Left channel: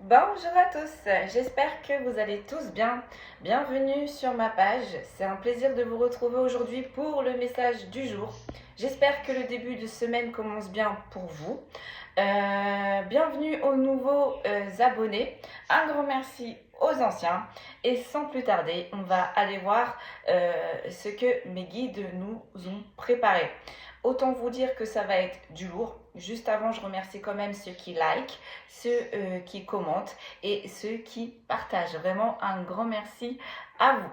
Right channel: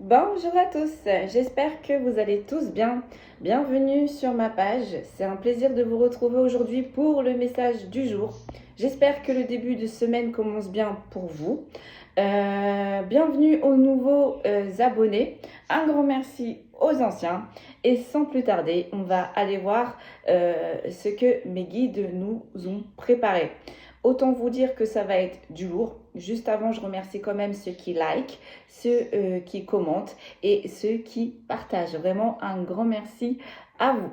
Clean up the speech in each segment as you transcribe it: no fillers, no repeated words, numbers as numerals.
Bonjour à tous, j'espère que vous allez tous bien. Bienvenue sur ma page. C'est un plaisir de vous retrouver aujourd'hui pour le message du jour. J'espère que le début de semaine commence bien pour vous. Bienvenue aux nouveaux abonnés. Un grand merci aux anciens. Et sans plus tarder, on va aller voir ce que mes guides nous ont préparé. Autant vous dire que ça va être du lourd. Juste avant, je remercie quand même ceux qui like, ceux qui commentent et ceux qui partagent. Vraiment un grand merci à vous.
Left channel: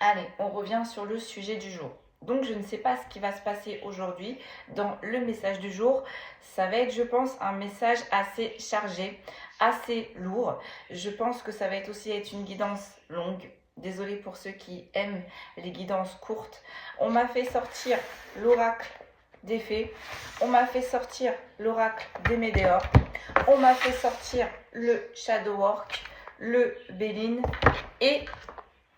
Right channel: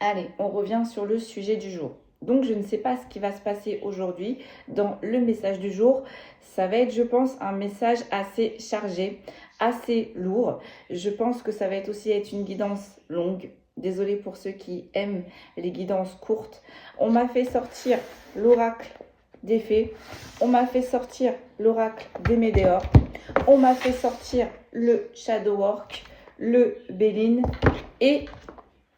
Allez, on revient sur le sujet du jour. Donc, je ne sais pas ce qui va se passer aujourd'hui dans le message du jour. Ça va être, je pense, un message assez chargé, assez lourd. Je pense que ça va être aussi une guidance longue. Désolée pour ceux qui aiment les guidances courtes. On m'a fait sortir l'oracle des fées. On m'a fait sortir l'oracle des météores. On m'a fait sortir le shadow work, le Béline et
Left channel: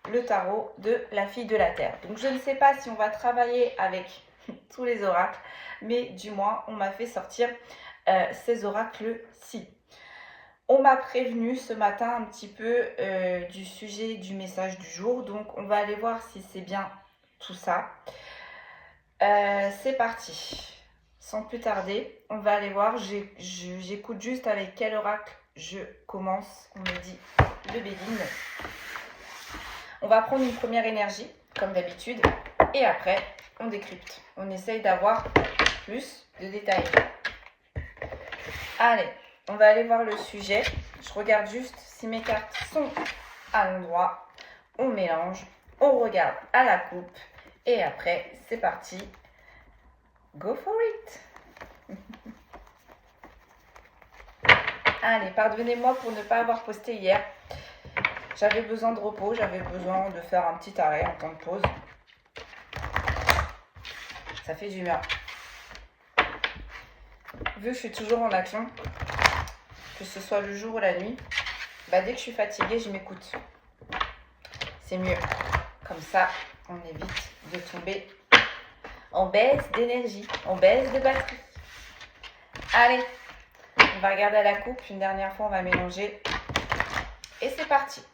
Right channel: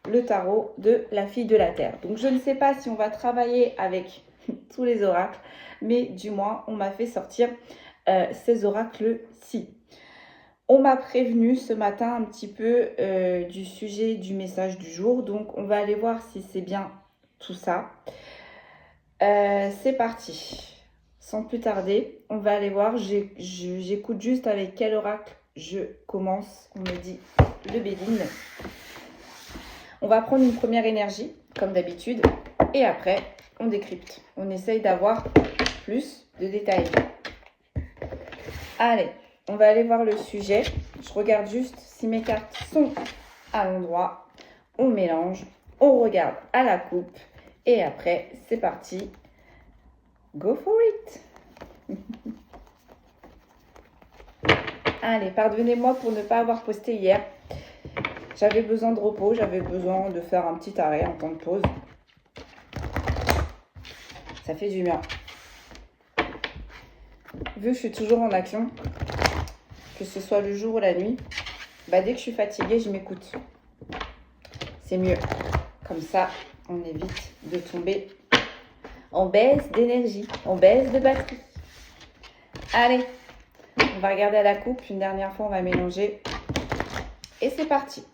le tarot de la fille de la terre. Donc je ne sais pas si on va travailler avec tous les oracles, mais du moins on m'a fait sortir ces oracles-ci. On m'a prévenu ce matin un petit peu du sujet du message du jour, donc on va aller voir si c'est bien tout ça. C'est parti. Sans plus tarder, on va aller voir. J'écoute juste avec quel oracle je commence. On me dit le Béline. On va prendre une première énergie, comme d'habitude, et après, on décrypte. On essaye d'avoir plus de détails. Allez, on va aller voir le sujet. Je regarde juste si mes cartes sont à l'endroit. On mélange, on regarde à la coupe, et après, c'est parti. Go for it. Allez, pardonnez-moi pour ne pas avoir posté hier. J'avais besoin de repos, j'avais besoin de faire un petit arrêt, un temps de pause. Ça fait du bien. Vu que je suis toujours en action, que ce soit le jour ou la nuit, dès que je suis fatiguée, je m'écoute. C'est mieux. Comme ça, on évite de tomber en baisse d'énergie, en baisse de batterie. Allez, on va regarder à la coupe. Une dernière fois, on va mélanger. Et c'est parti.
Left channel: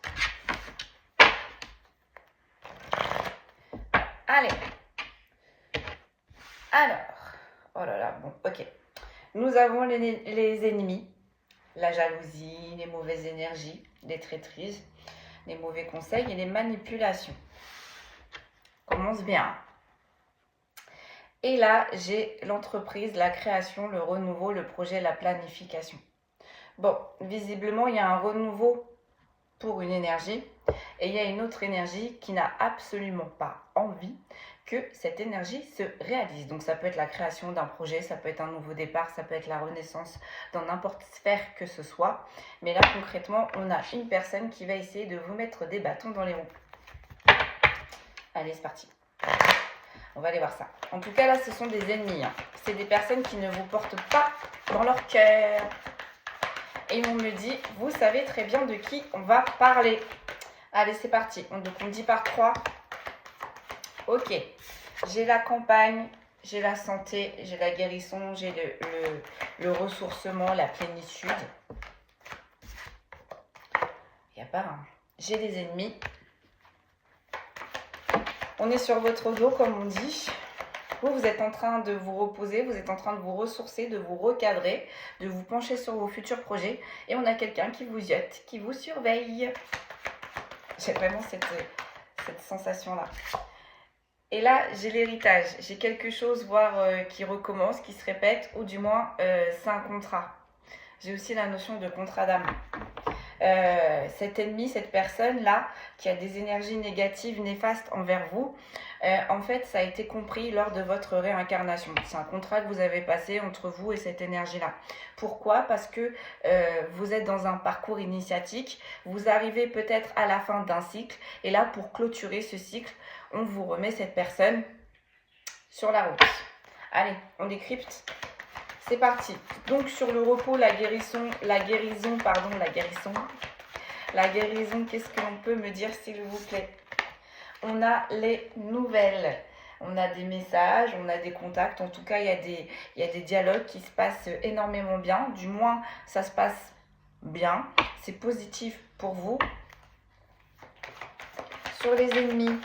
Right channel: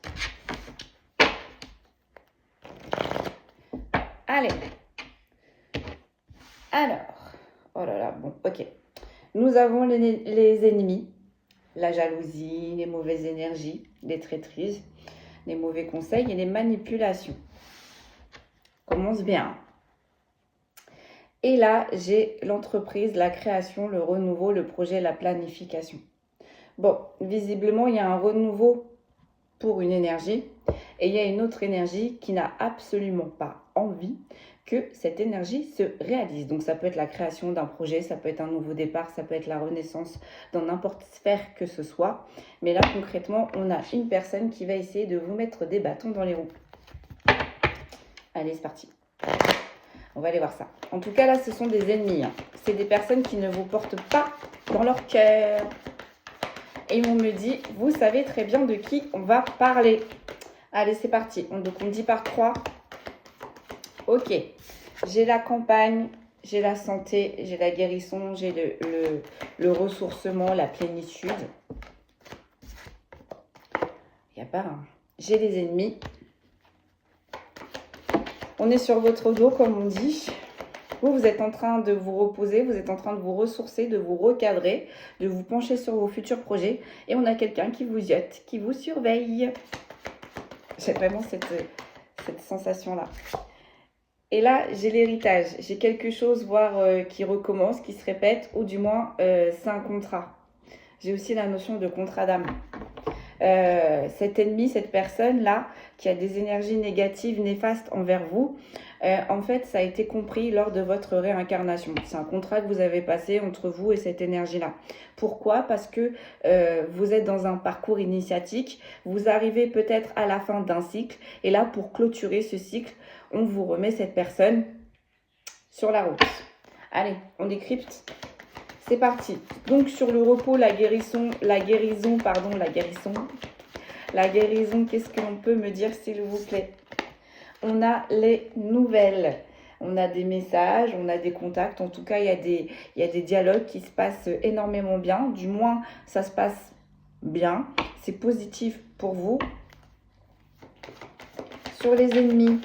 Allez. Alors, oh là là, bon, ok. Nous avons les ennemis, la jalousie, les mauvaises énergies, les traîtrises, les mauvais conseils et les manipulations. Commence bien. Et là, j'ai l'entreprise, la création, le renouveau, le projet, la planification. Bon, visiblement, il y a un renouveau pour une énergie et il y a une autre énergie qui n'a absolument pas envie que cette énergie se réalise. Donc ça peut être la création d'un projet, ça peut être un nouveau départ, ça peut être la renaissance dans n'importe sphère que ce soit. Mais là, concrètement, on a une personne qui va essayer de vous mettre des bâtons dans les roues. Allez, c'est parti. On va aller voir ça. En tout cas, là, ce sont des ennemis. C'est des personnes qui ne vous portent pas dans leur cœur. Et on me dit, vous savez très bien de qui on va parler. Allez, c'est parti. Donc, on me dit par 3. Ok. J'ai la campagne, j'ai la santé, j'ai la guérison, j'ai le ressourcement, la plénitude. Il n'y a pas un. J'ai les ennemis. On est sur votre dos, comme on dit. Vous êtes en train de vous reposer, vous êtes en train de vous ressourcer, de vous recadrer, de vous pencher sur vos futurs projets. Et on a quelqu'un qui vous jette, qui vous surveille. J'ai vraiment cette sensation-là. Et là, j'ai l'héritage. J'ai quelque chose, voire qui recommence, qui se répète, ou du moins, c'est un contrat. J'ai aussi la notion de contrat d'âme. Cet ennemi, cette personne-là, qui a des énergies négatives, néfastes envers vous, en fait, ça a été compris lors de votre réincarnation. C'est un contrat que vous avez passé entre vous et cette énergie-là. Pourquoi? Parce que vous êtes dans un parcours initiatique, vous arrivez peut-être à la fin d'un cycle, et là, pour clôturer ce cycle, on vous remet cette personne sur la route. Allez, on décrypte. C'est parti. Donc, sur le repos, la guérison, qu'est-ce que l'on peut me dire, s'il vous plaît? On a les nouvelles. On a des messages, on a des contacts. En tout cas, il y a des dialogues qui se passent énormément bien. Du moins, ça se passe bien. C'est positif pour vous. Sur les ennemis,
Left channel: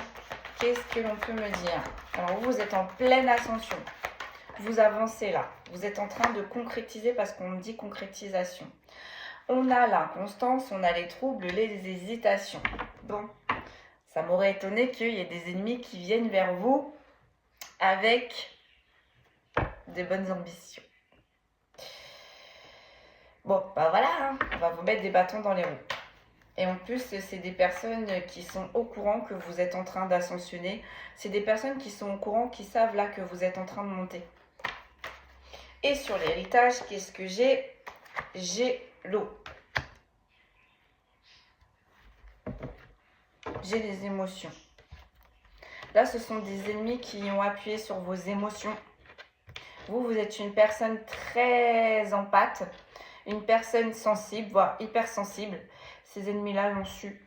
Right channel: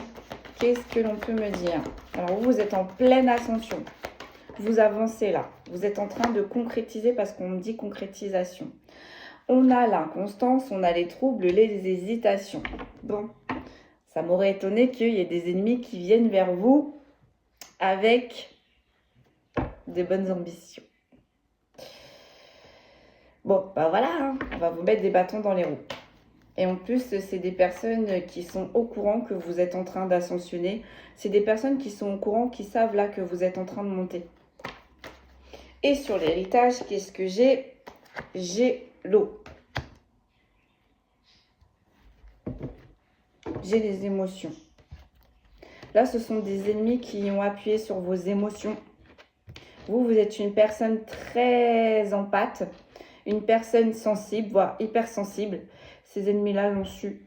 qu'est-ce que l'on peut me dire? Alors, vous êtes en pleine ascension. Vous avancez là. Vous êtes en train de concrétiser parce qu'on me dit concrétisation. On a l'inconstance, on a les troubles, les hésitations. Bon, ça m'aurait étonné qu'il y ait des ennemis qui viennent vers vous avec de bonnes ambitions. Bon, bah voilà, hein, on va vous mettre des bâtons dans les roues. Et en plus, c'est des personnes qui sont au courant que vous êtes en train d'ascensionner. C'est des personnes qui sont au courant, qui savent là que vous êtes en train de monter. Et sur l'héritage, qu'est-ce que j'ai? J'ai l'eau. J'ai les émotions. Là, ce sont des ennemis qui ont appuyé sur vos émotions. Vous êtes une personne très empathe, une personne sensible, voire hypersensible. Ces ennemis-là l'ont su.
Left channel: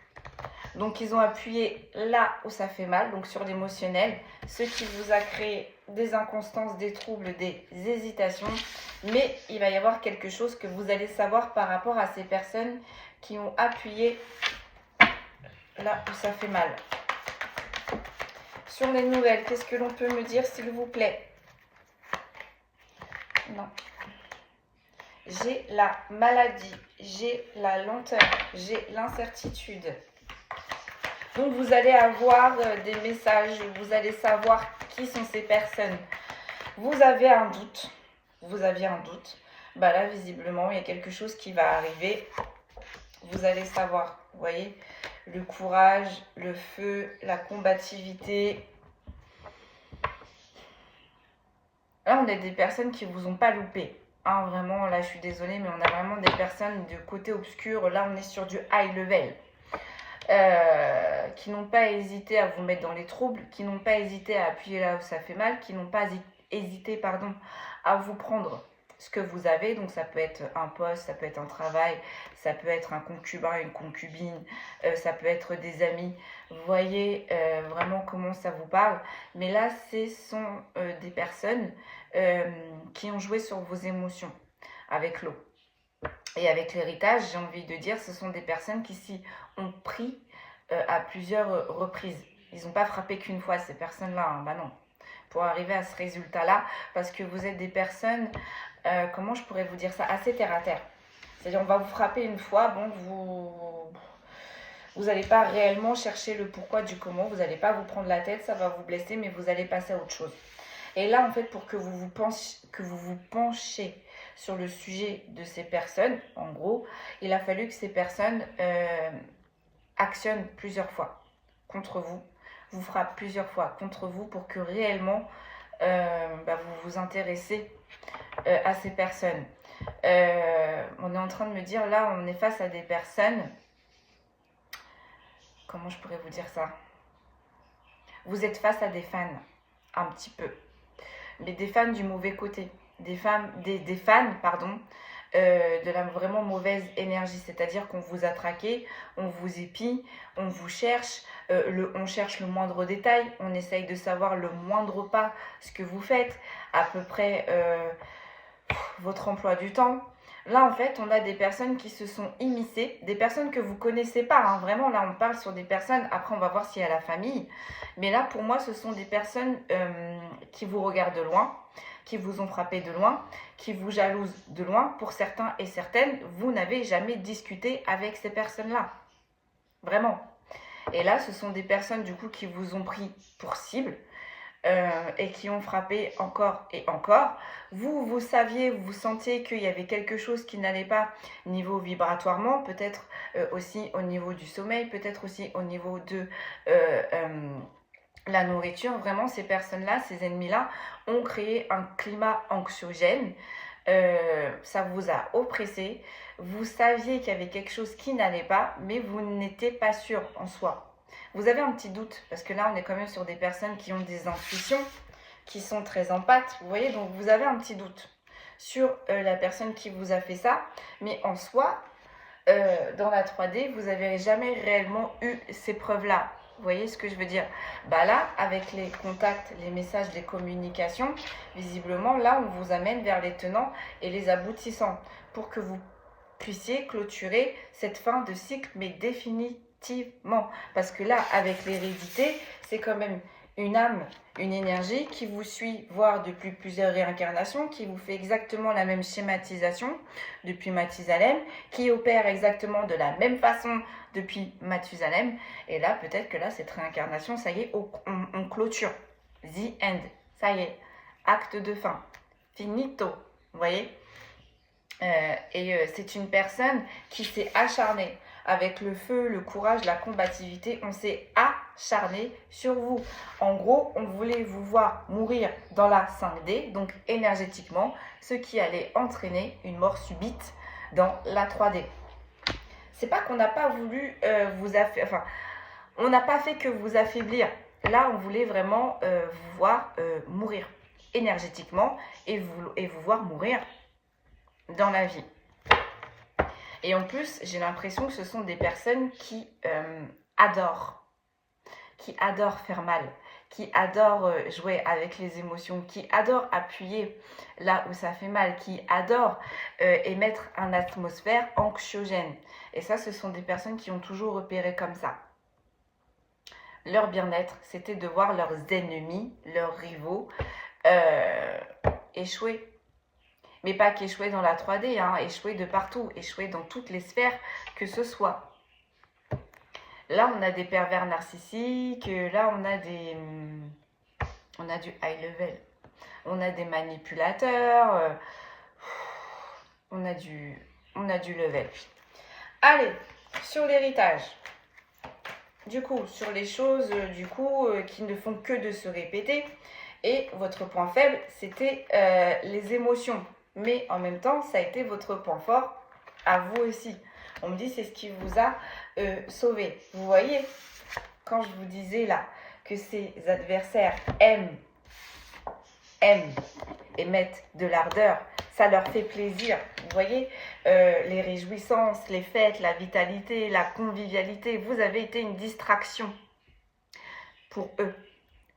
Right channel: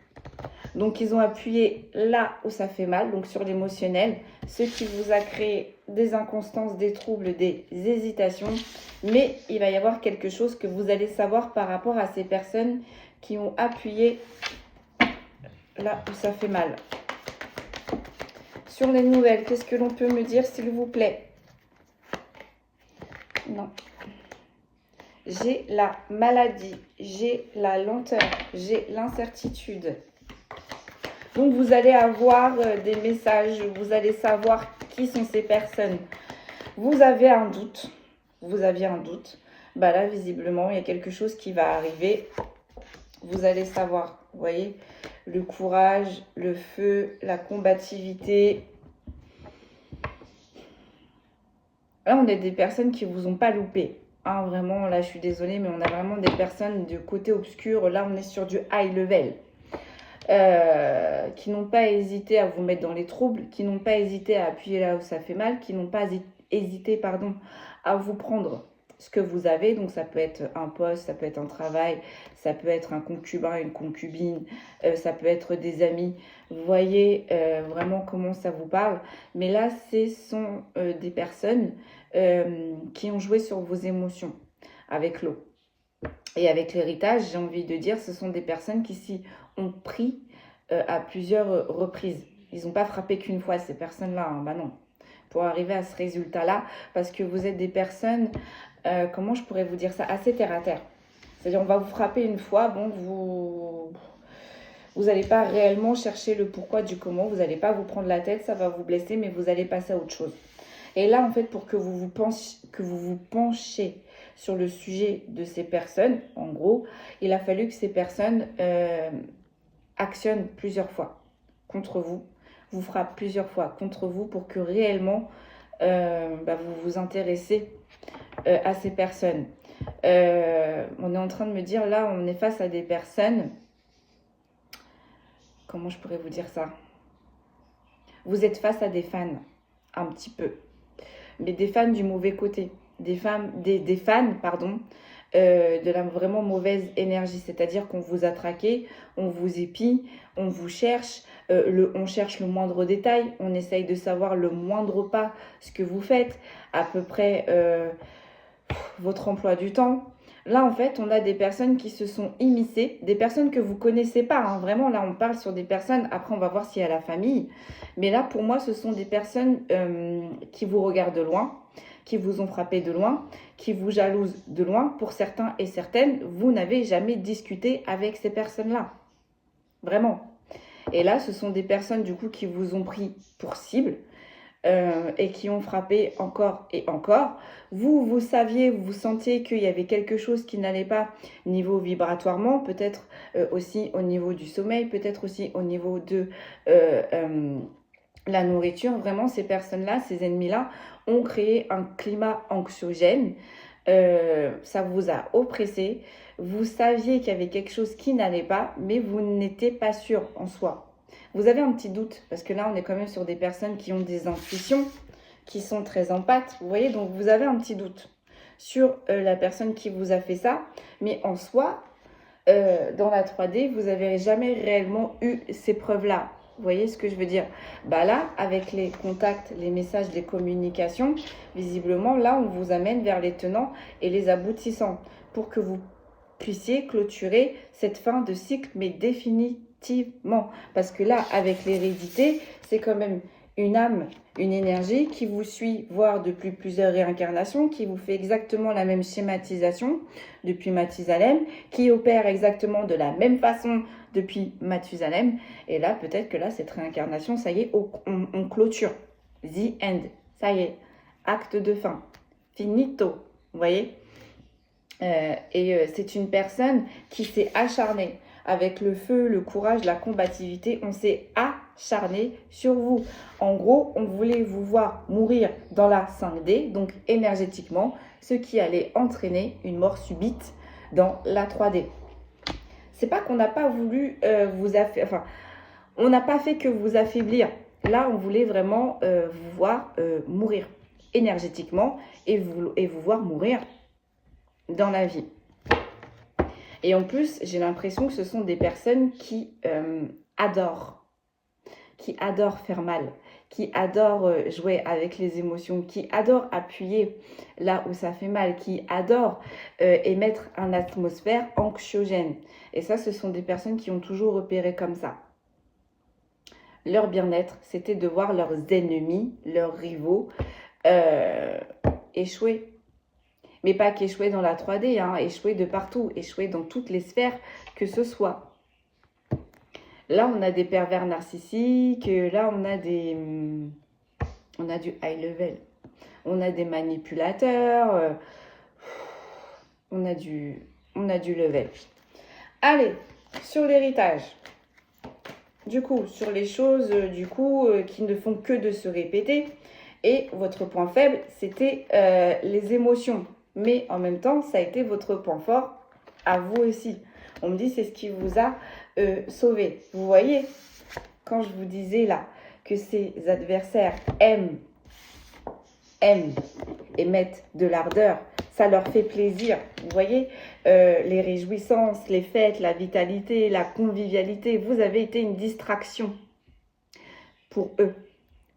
Donc, ils ont appuyé là où ça fait mal, donc sur l'émotionnel, ce qui vous a créé des inconstances, des troubles, des hésitations. Mais il va y avoir quelque chose que vous allez savoir par rapport à ces personnes qui ont appuyé là où ça fait mal. Sur les nouvelles, qu'est-ce que l'on peut me dire, s'il vous plaît? Non. J'ai la maladie, j'ai la lenteur, j'ai l'incertitude. Donc, vous allez avoir des messages, vous allez savoir qui sont ces personnes. Vous avez un doute, vous aviez un doute. Bah là, visiblement, il y a quelque chose qui va arriver. Vous allez savoir, vous voyez, le courage, le feu, la combativité. Là, on a des personnes qui ne vous ont pas loupé. Hein, vraiment, là, je suis désolée, mais on a vraiment des personnes de côté obscur. Là, on est sur du high level. Qui n'ont pas hésité à vous mettre dans les troubles, qui n'ont pas hésité à appuyer là où ça fait mal, qui n'ont pas hésité, pardon, à vous prendre ce que vous avez. Donc, ça peut être un poste, ça peut être un travail, ça peut être un concubin, une concubine, ça peut être des amis. Vous voyez vraiment comment ça vous parle. Mais là, ce sont des personnes qui ont joué sur vos émotions avec l'eau. Et avec l'héritage, j'ai envie de dire, ce sont des personnes qui s'y ont pris à plusieurs reprises. Ils n'ont pas frappé qu'une fois, ces personnes-là. Hein. Bah non. Pour arriver à ce résultat-là, parce que vous êtes des personnes, comment je pourrais vous dire ça, assez terre à terre. C'est-à-dire, on va vous frapper une fois, bon, vous n'allez pas réellement chercher le pourquoi du comment, vous n'allez pas vous prendre la tête, ça va vous blesser, mais vous allez passer à autre chose. Et là, en fait, pour que vous vous penchiez sur le sujet de ces personnes, en gros, il a fallu que ces personnes actionnent plusieurs fois contre vous, vous frappent plusieurs fois contre vous pour que réellement vous vous intéressez à ces personnes. On est en train de me dire, là, on est face à des personnes, comment je pourrais vous dire ça? Vous êtes face à des fans, un petit peu, mais des fans du mauvais côté. Des fans, pardon, de la vraiment mauvaise énergie. C'est-à-dire qu'on vous a traqué, on vous épie, on vous cherche, on cherche le moindre détail, on essaye de savoir le moindre pas, ce que vous faites, à peu près votre emploi du temps. Là, en fait, on a des personnes qui se sont immiscées, des personnes que vous ne connaissez pas. Hein. Vraiment, là, on parle sur des personnes, après, on va voir s'il y a la famille. Mais là, pour moi, ce sont des personnes qui vous regardent de loin, qui vous ont frappé de loin, qui vous jalousent de loin. Pour certains et certaines, vous n'avez jamais discuté avec ces personnes-là. Vraiment. Et là, ce sont des personnes, du coup, qui vous ont pris pour cible et qui ont frappé encore et encore. Vous saviez, vous sentiez qu'il y avait quelque chose qui n'allait pas niveau vibratoirement, peut-être aussi au niveau du sommeil, peut-être aussi au niveau de la nourriture. Vraiment, ces personnes-là, ces ennemis-là, ont créé un climat anxiogène. Ça vous a oppressé. Vous saviez qu'il y avait quelque chose qui n'allait pas, mais vous n'étiez pas sûr en soi. Vous avez un petit doute, parce que là, on est quand même sur des personnes qui ont des intuitions, qui sont très empathes, vous voyez, donc vous avez un petit doute sur la personne qui vous a fait ça, mais en soi, dans la 3D, vous n'avez jamais réellement eu ces preuves-là. Vous voyez ce que je veux dire? Bah là, avec les contacts, les messages, les communications, visiblement, là, on vous amène vers les tenants et les aboutissants pour que vous puissiez clôturer cette fin de cycle, mais définitivement. Parce que là, avec l'hérédité, c'est quand même une âme, une énergie qui vous suit, voire depuis plusieurs réincarnations, qui vous fait exactement la même schématisation depuis Mathusalem, qui opère exactement de la même façon depuis Mathusalem. Et là, peut-être que là, cette réincarnation, ça y est, on clôture. The end. Ça y est. Acte de fin. Finito. Vous voyez ? c'est une personne qui s'est acharnée avec le feu, le courage, la combativité. On s'est acharné sur vous. En gros, on voulait vous voir mourir dans la 5D, donc énergétiquement, ce qui allait entraîner une mort subite dans la 3D. C'est pas qu'on n'a pas voulu on n'a pas fait que vous affaiblir. Là, on voulait vraiment vous voir mourir énergétiquement et vous voir mourir dans la vie. Et en plus, j'ai l'impression que ce sont des personnes qui adorent faire mal, qui adorent jouer avec les émotions, qui adorent appuyer là où ça fait mal, qui adorent émettre une atmosphère anxiogène. Et ça, ce sont des personnes qui ont toujours opéré comme ça. Leur bien-être, c'était de voir leurs ennemis, leurs rivaux échouer. Mais pas qu'échouer dans la 3D, hein, échouer de partout, échouer dans toutes les sphères que ce soit. Là, on a des pervers narcissiques, là, on a du high level, on a des manipulateurs, on a du level. Allez, sur l'héritage. Du coup, sur les choses qui ne font que de se répéter. Et votre point faible, c'était les émotions. Mais en même temps, ça a été votre point fort à vous aussi. On me dit c'est ce qui vous a sauvé. Vous voyez, quand je vous disais là que ces adversaires aiment et mettent de l'ardeur, ça leur fait plaisir. Vous voyez, les réjouissances, les fêtes, la vitalité, la convivialité, vous avez été une distraction pour eux,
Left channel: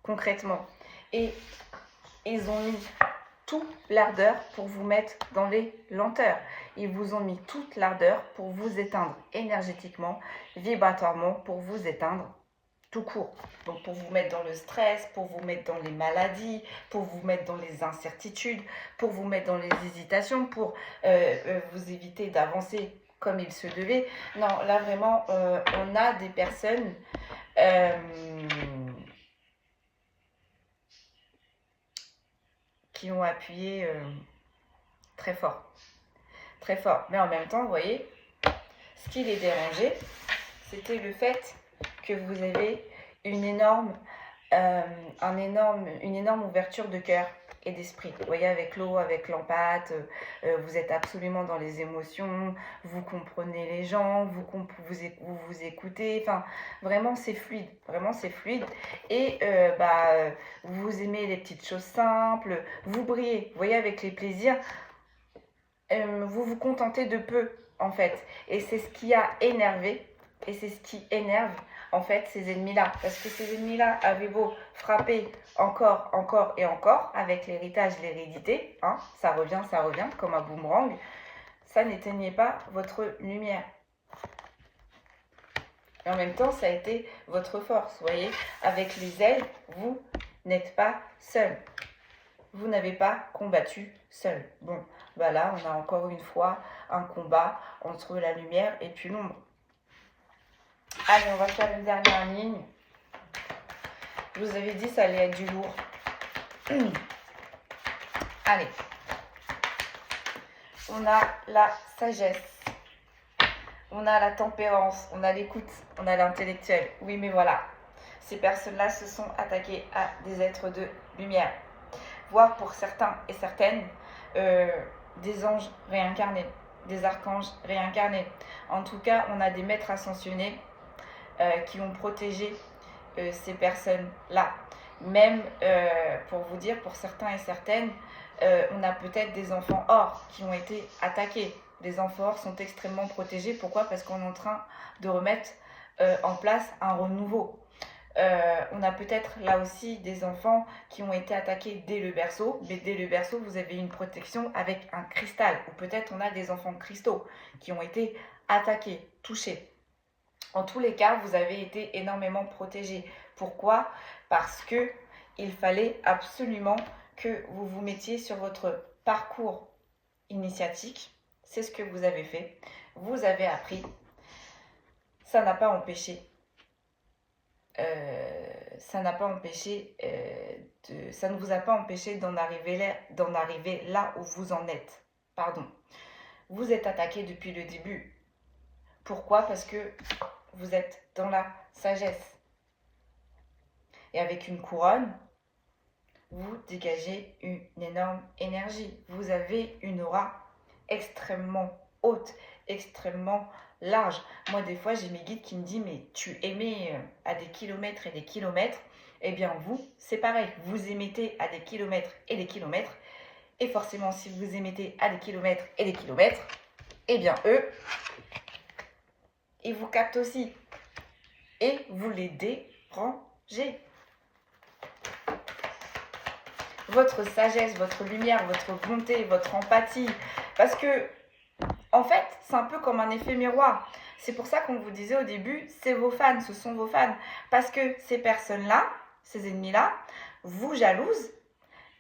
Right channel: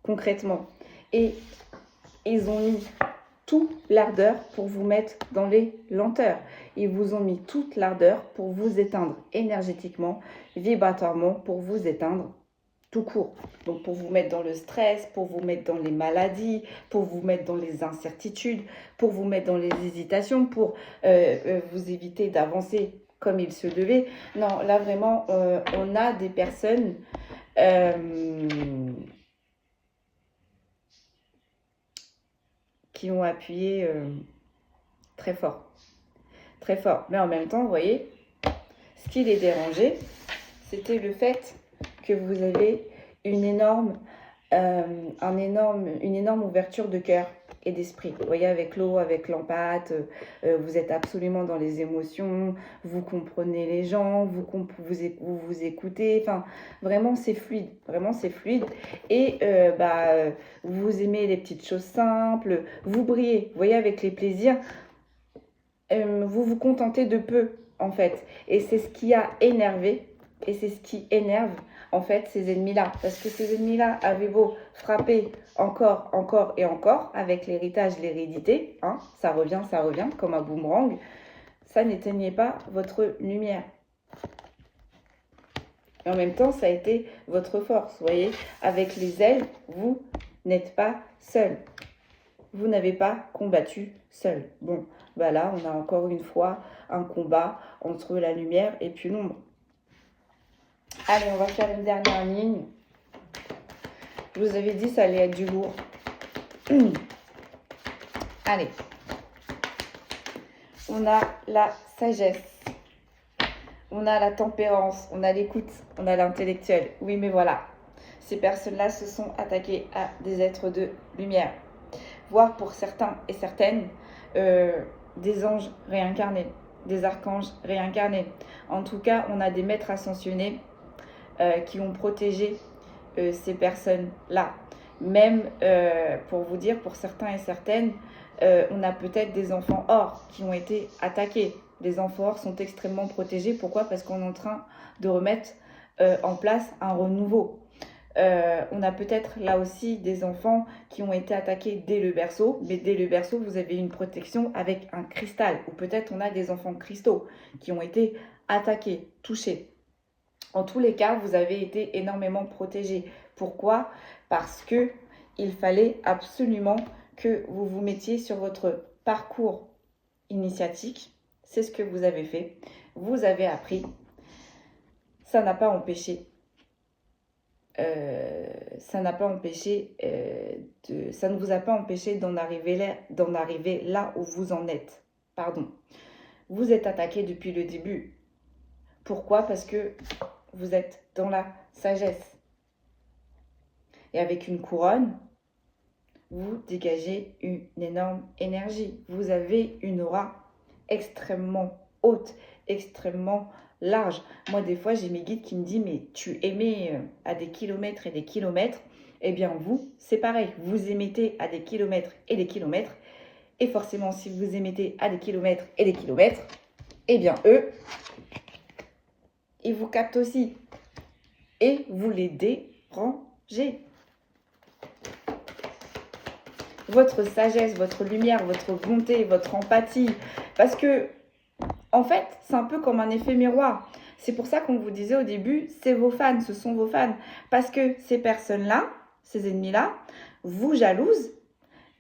concrètement. Et ils ont mis toute l'ardeur pour vous mettre dans les lenteurs. Ils vous ont mis toute l'ardeur pour vous éteindre énergétiquement, vibratoirement, pour vous éteindre tout court. Donc pour vous mettre dans le stress, pour vous mettre dans les maladies, pour vous mettre dans les incertitudes, pour vous mettre dans les hésitations, pour vous éviter d'avancer comme il se devait. Non, là vraiment, on a des personnes qui ont appuyé très fort. Très fort. Mais en même temps, vous voyez, ce qui les dérangeait, c'était le fait que vous avez une énorme ouverture de cœur et d'esprit. Vous voyez, avec l'eau, avec l'empathie, vous êtes absolument dans les émotions, vous comprenez les gens, vous écoutez, enfin, vraiment c'est fluide, et vous aimez les petites choses simples, vous brillez, vous voyez, avec les plaisirs, vous vous contentez de peu, en fait, et c'est ce qui a énervé, et c'est ce qui énerve en fait ces ennemis-là, parce que ces ennemis-là avaient beau frapper encore et encore avec l'héritage, l'hérédité, hein, ça revient comme un boomerang, ça n'éteignait pas votre lumière. Et en même temps, ça a été votre force, vous voyez, avec les ailes, vous n'êtes pas seul. Vous n'avez pas combattu seul. Bon, bah là, on a encore une fois un combat entre la lumière et puis l'ombre. Allez, on va faire une dernière ligne. Je vous avais dit, ça allait être du lourd. Allez. On a la sagesse. On a la tempérance. On a l'écoute. On a l'intellectuel. Oui, mais voilà. Ces personnes-là se sont attaquées à des êtres de lumière. Voire pour certains et certaines, des anges réincarnés. Des archanges réincarnés. En tout cas, on a des maîtres ascensionnés qui ont protégé ces personnes-là. Même, pour vous dire, pour certains et certaines, on a peut-être des enfants or qui ont été attaqués. Les enfants or sont extrêmement protégés. Pourquoi ? Parce qu'on est en train de remettre en place un renouveau. On a peut-être là aussi des enfants qui ont été attaqués dès le berceau, mais dès le berceau, vous avez une protection avec un cristal. Ou peut-être on a des enfants cristaux qui ont été attaqués, touchés. En tous les cas, vous avez été énormément protégés. Pourquoi? Parce que il fallait absolument que vous vous mettiez sur votre parcours initiatique. C'est ce que vous avez fait. Vous avez appris. Ça n'a pas empêché. Ça n'a pas empêché. Ça ne vous a pas empêché d'en arriver là où vous en êtes. Pardon. Vous êtes attaqué depuis le début. Pourquoi? Parce que vous êtes dans la sagesse. Et avec une couronne, vous dégagez une énorme énergie. Vous avez une aura extrêmement haute, extrêmement large. Moi, des fois, j'ai mes guides qui me disent, mais tu émets à des kilomètres et des kilomètres. Eh bien, vous, c'est pareil. Vous émettez à des kilomètres et des kilomètres. Et forcément, si vous émettez à des kilomètres et des kilomètres, eh bien, eux, ils vous captent aussi. Et vous les dérangez. Votre sagesse, votre lumière, votre bonté, votre empathie. Parce que, en fait, c'est un peu comme un effet miroir. C'est pour ça qu'on vous disait au début, c'est vos fans, ce sont vos fans. Parce que ces personnes-là, ces ennemis-là, vous jalousent,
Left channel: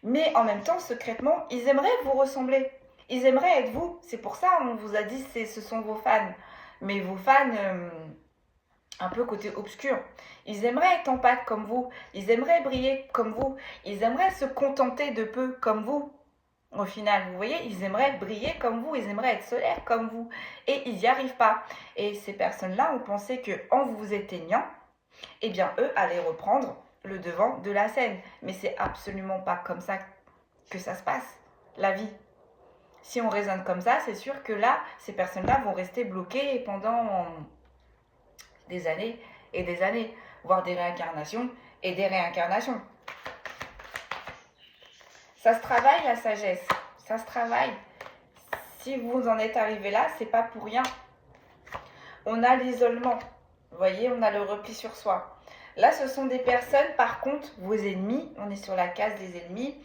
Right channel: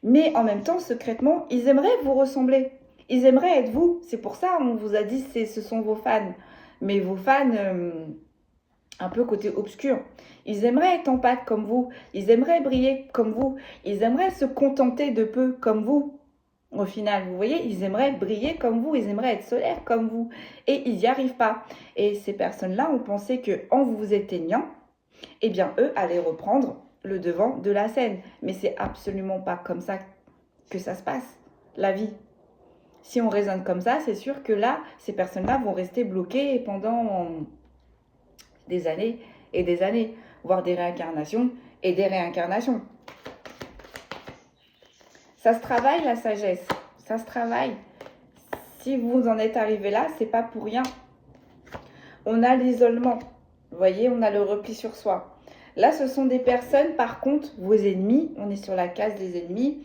mais en même temps, secrètement, ils aimeraient vous ressembler. Ils aimeraient être vous. C'est pour ça qu'on vous a dit, ce sont vos fans. Mais vos fans, un peu côté obscur. Ils aimeraient être en pâte comme vous. Ils aimeraient briller comme vous. Ils aimeraient se contenter de peu comme vous. Au final, vous voyez, ils aimeraient briller comme vous. Ils aimeraient être solaires comme vous. Et ils n'y arrivent pas. Et ces personnes-là ont pensé qu'en vous éteignant, eh bien, eux allaient reprendre le devant de la scène. Mais c'est absolument pas comme ça que ça se passe, la vie. Si on raisonne comme ça, c'est sûr que là, ces personnes-là vont rester bloquées pendant des années et des années, voire des réincarnations et des réincarnations. Ça se travaille, la sagesse. Ça se travaille. Si vous en êtes arrivé là, c'est pas pour rien. On a l'isolement. Vous voyez, on a le repli sur soi. Là, ce sont des personnes, par contre, vos ennemis. On est sur la case des ennemis.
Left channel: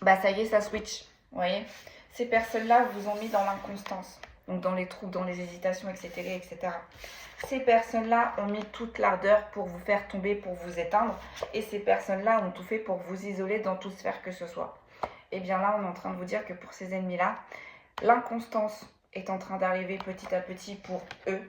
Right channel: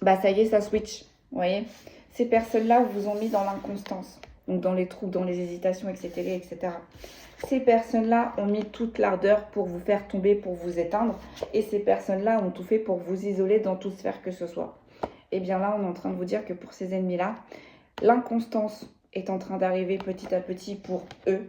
Bah, ça y est, ça switch. Vous voyez, ces personnes-là vous ont mis dans l'inconstance. Donc, dans les troubles, dans les hésitations, etc., etc. Ces personnes-là ont mis toute l'ardeur pour vous faire tomber, pour vous éteindre. Et ces personnes-là ont tout fait pour vous isoler dans toute sphère que ce soit. Et bien là, on est en train de vous dire que pour ces ennemis-là, l'inconstance est en train d'arriver petit à petit pour eux.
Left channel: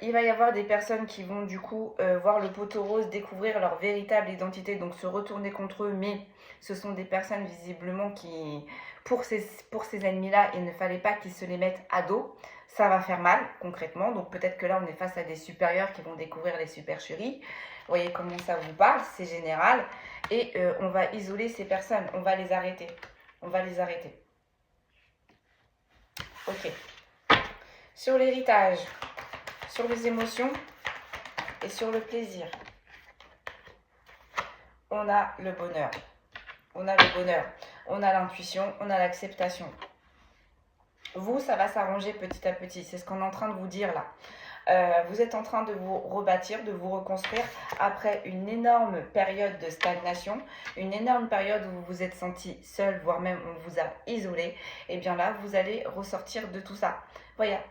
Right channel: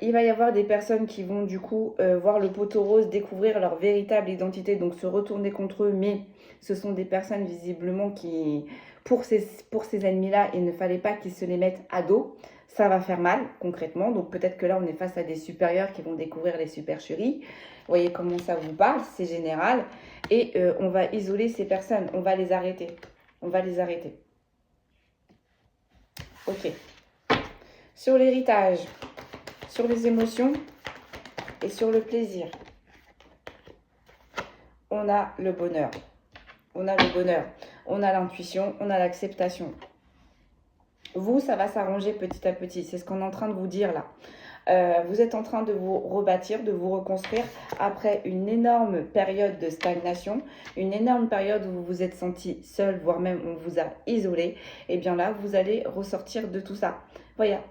Il va y avoir des personnes qui vont du coup voir le poteau rose, découvrir leur véritable identité, donc se retourner contre eux. Mais ce sont des personnes visiblement qui, pour ces ennemis-là, il ne fallait pas qu'ils se les mettent à dos. Ça va faire mal concrètement. Donc peut-être que là, on est face à des supérieurs qui vont découvrir les supercheries. Vous voyez comment ça vous parle, c'est général. Et on va isoler ces personnes, on va les arrêter. On va les arrêter. Ok. Sur l'héritage, sur les émotions et sur le plaisir, on a le bonheur. On a le bonheur. On a l'intuition, on a l'acceptation. Vous, ça va s'arranger petit à petit. C'est ce qu'on est en train de vous dire là. Vous êtes en train de vous rebâtir, de vous reconstruire après une énorme période de stagnation, une énorme période où vous vous êtes senti seul, voire même on vous a isolé. Et bien là, vous allez ressortir de tout ça.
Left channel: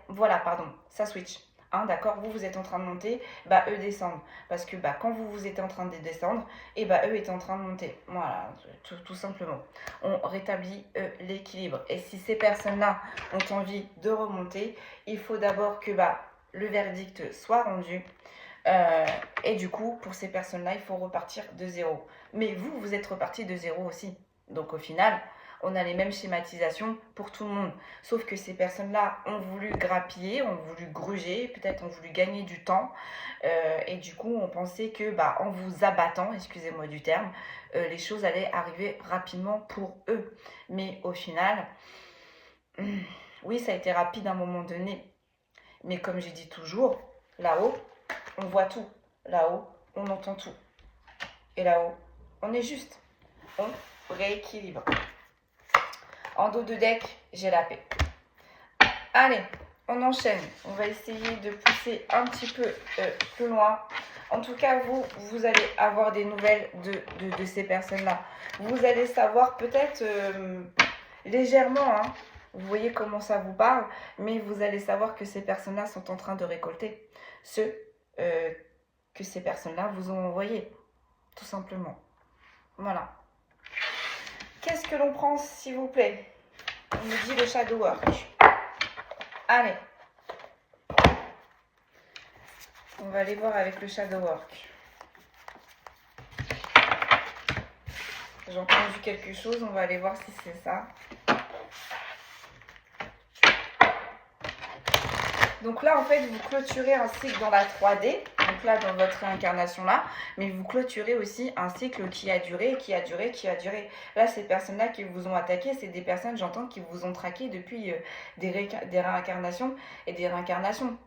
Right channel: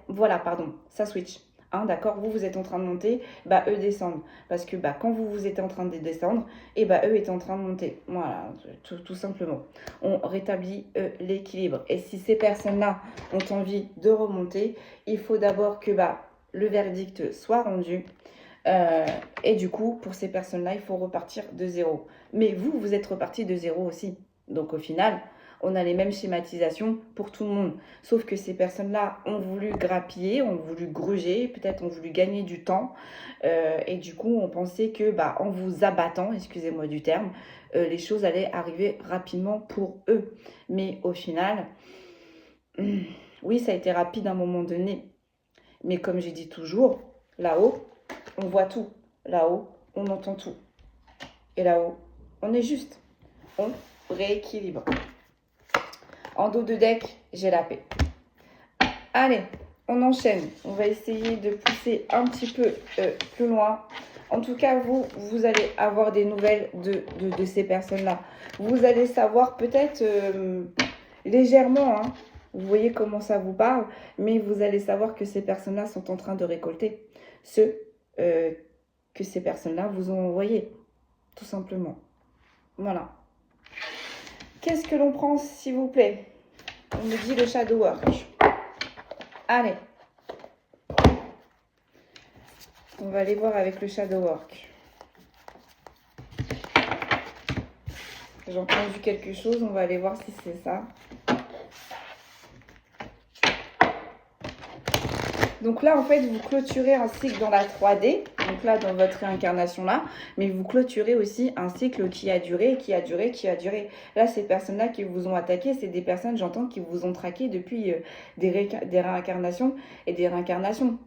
Voilà, pardon, ça switch. Hein, d'accord, vous êtes en train de monter, bah eux descendent. Parce que bah, quand vous étiez en train de descendre, et bah eux étaient en train de monter. Voilà, tout simplement. On rétablit l'équilibre. Et si ces personnes-là ont envie de remonter, il faut d'abord que le verdict soit rendu. Et du coup, pour ces personnes-là, il faut repartir de zéro. Mais vous, vous êtes reparti de zéro aussi. Donc au final, on a les mêmes schématisations pour tout le monde. Sauf que ces personnes-là ont voulu grappiller, ont voulu gruger, peut-être ont voulu gagner du temps. Et du coup, on pensait que en vous abattant, excusez-moi du terme, les choses allaient arriver rapidement pour eux. Mais au final, oui, ça a été rapide à un moment donné. Mais comme j'ai dit toujours, là-haut, on voit tout. Là-haut, on entend tout. Et là-haut, on est juste. On rééquilibre. En dos de deck, j'ai la paix. Allez, on enchaîne. On va essayer de pousser un petit peu plus loin. En tout cas, vous allez avoir des nouvelles de ces personnes-là. Vous allez savoir peut-être légèrement, hein, vous voyez comment ça vous parle, mais vous allez savoir que ces personnes-là sont en train de récolter ce que ces personnes-là vous ont envoyé, tout simplement. Voilà. Qu'est-ce que l'on prend, s'il vous plaît? On me dit le shadow work. Allez. On va aller voir avec le shadow work. J'ai entendu quelque chose, on va aller voir si c'est ça. Donc là, en fait, vous clôturez un cycle dans la 3D, donc là, dans votre réincarnation-là, mais vous clôturez aussi un cycle qui a duré, qui a duré, qui a duré. Là, ces personnes-là qui vous ont attaqué, c'est des personnes, j'entends, qui vous ont traqué depuis des réincarnations et des réincarnations.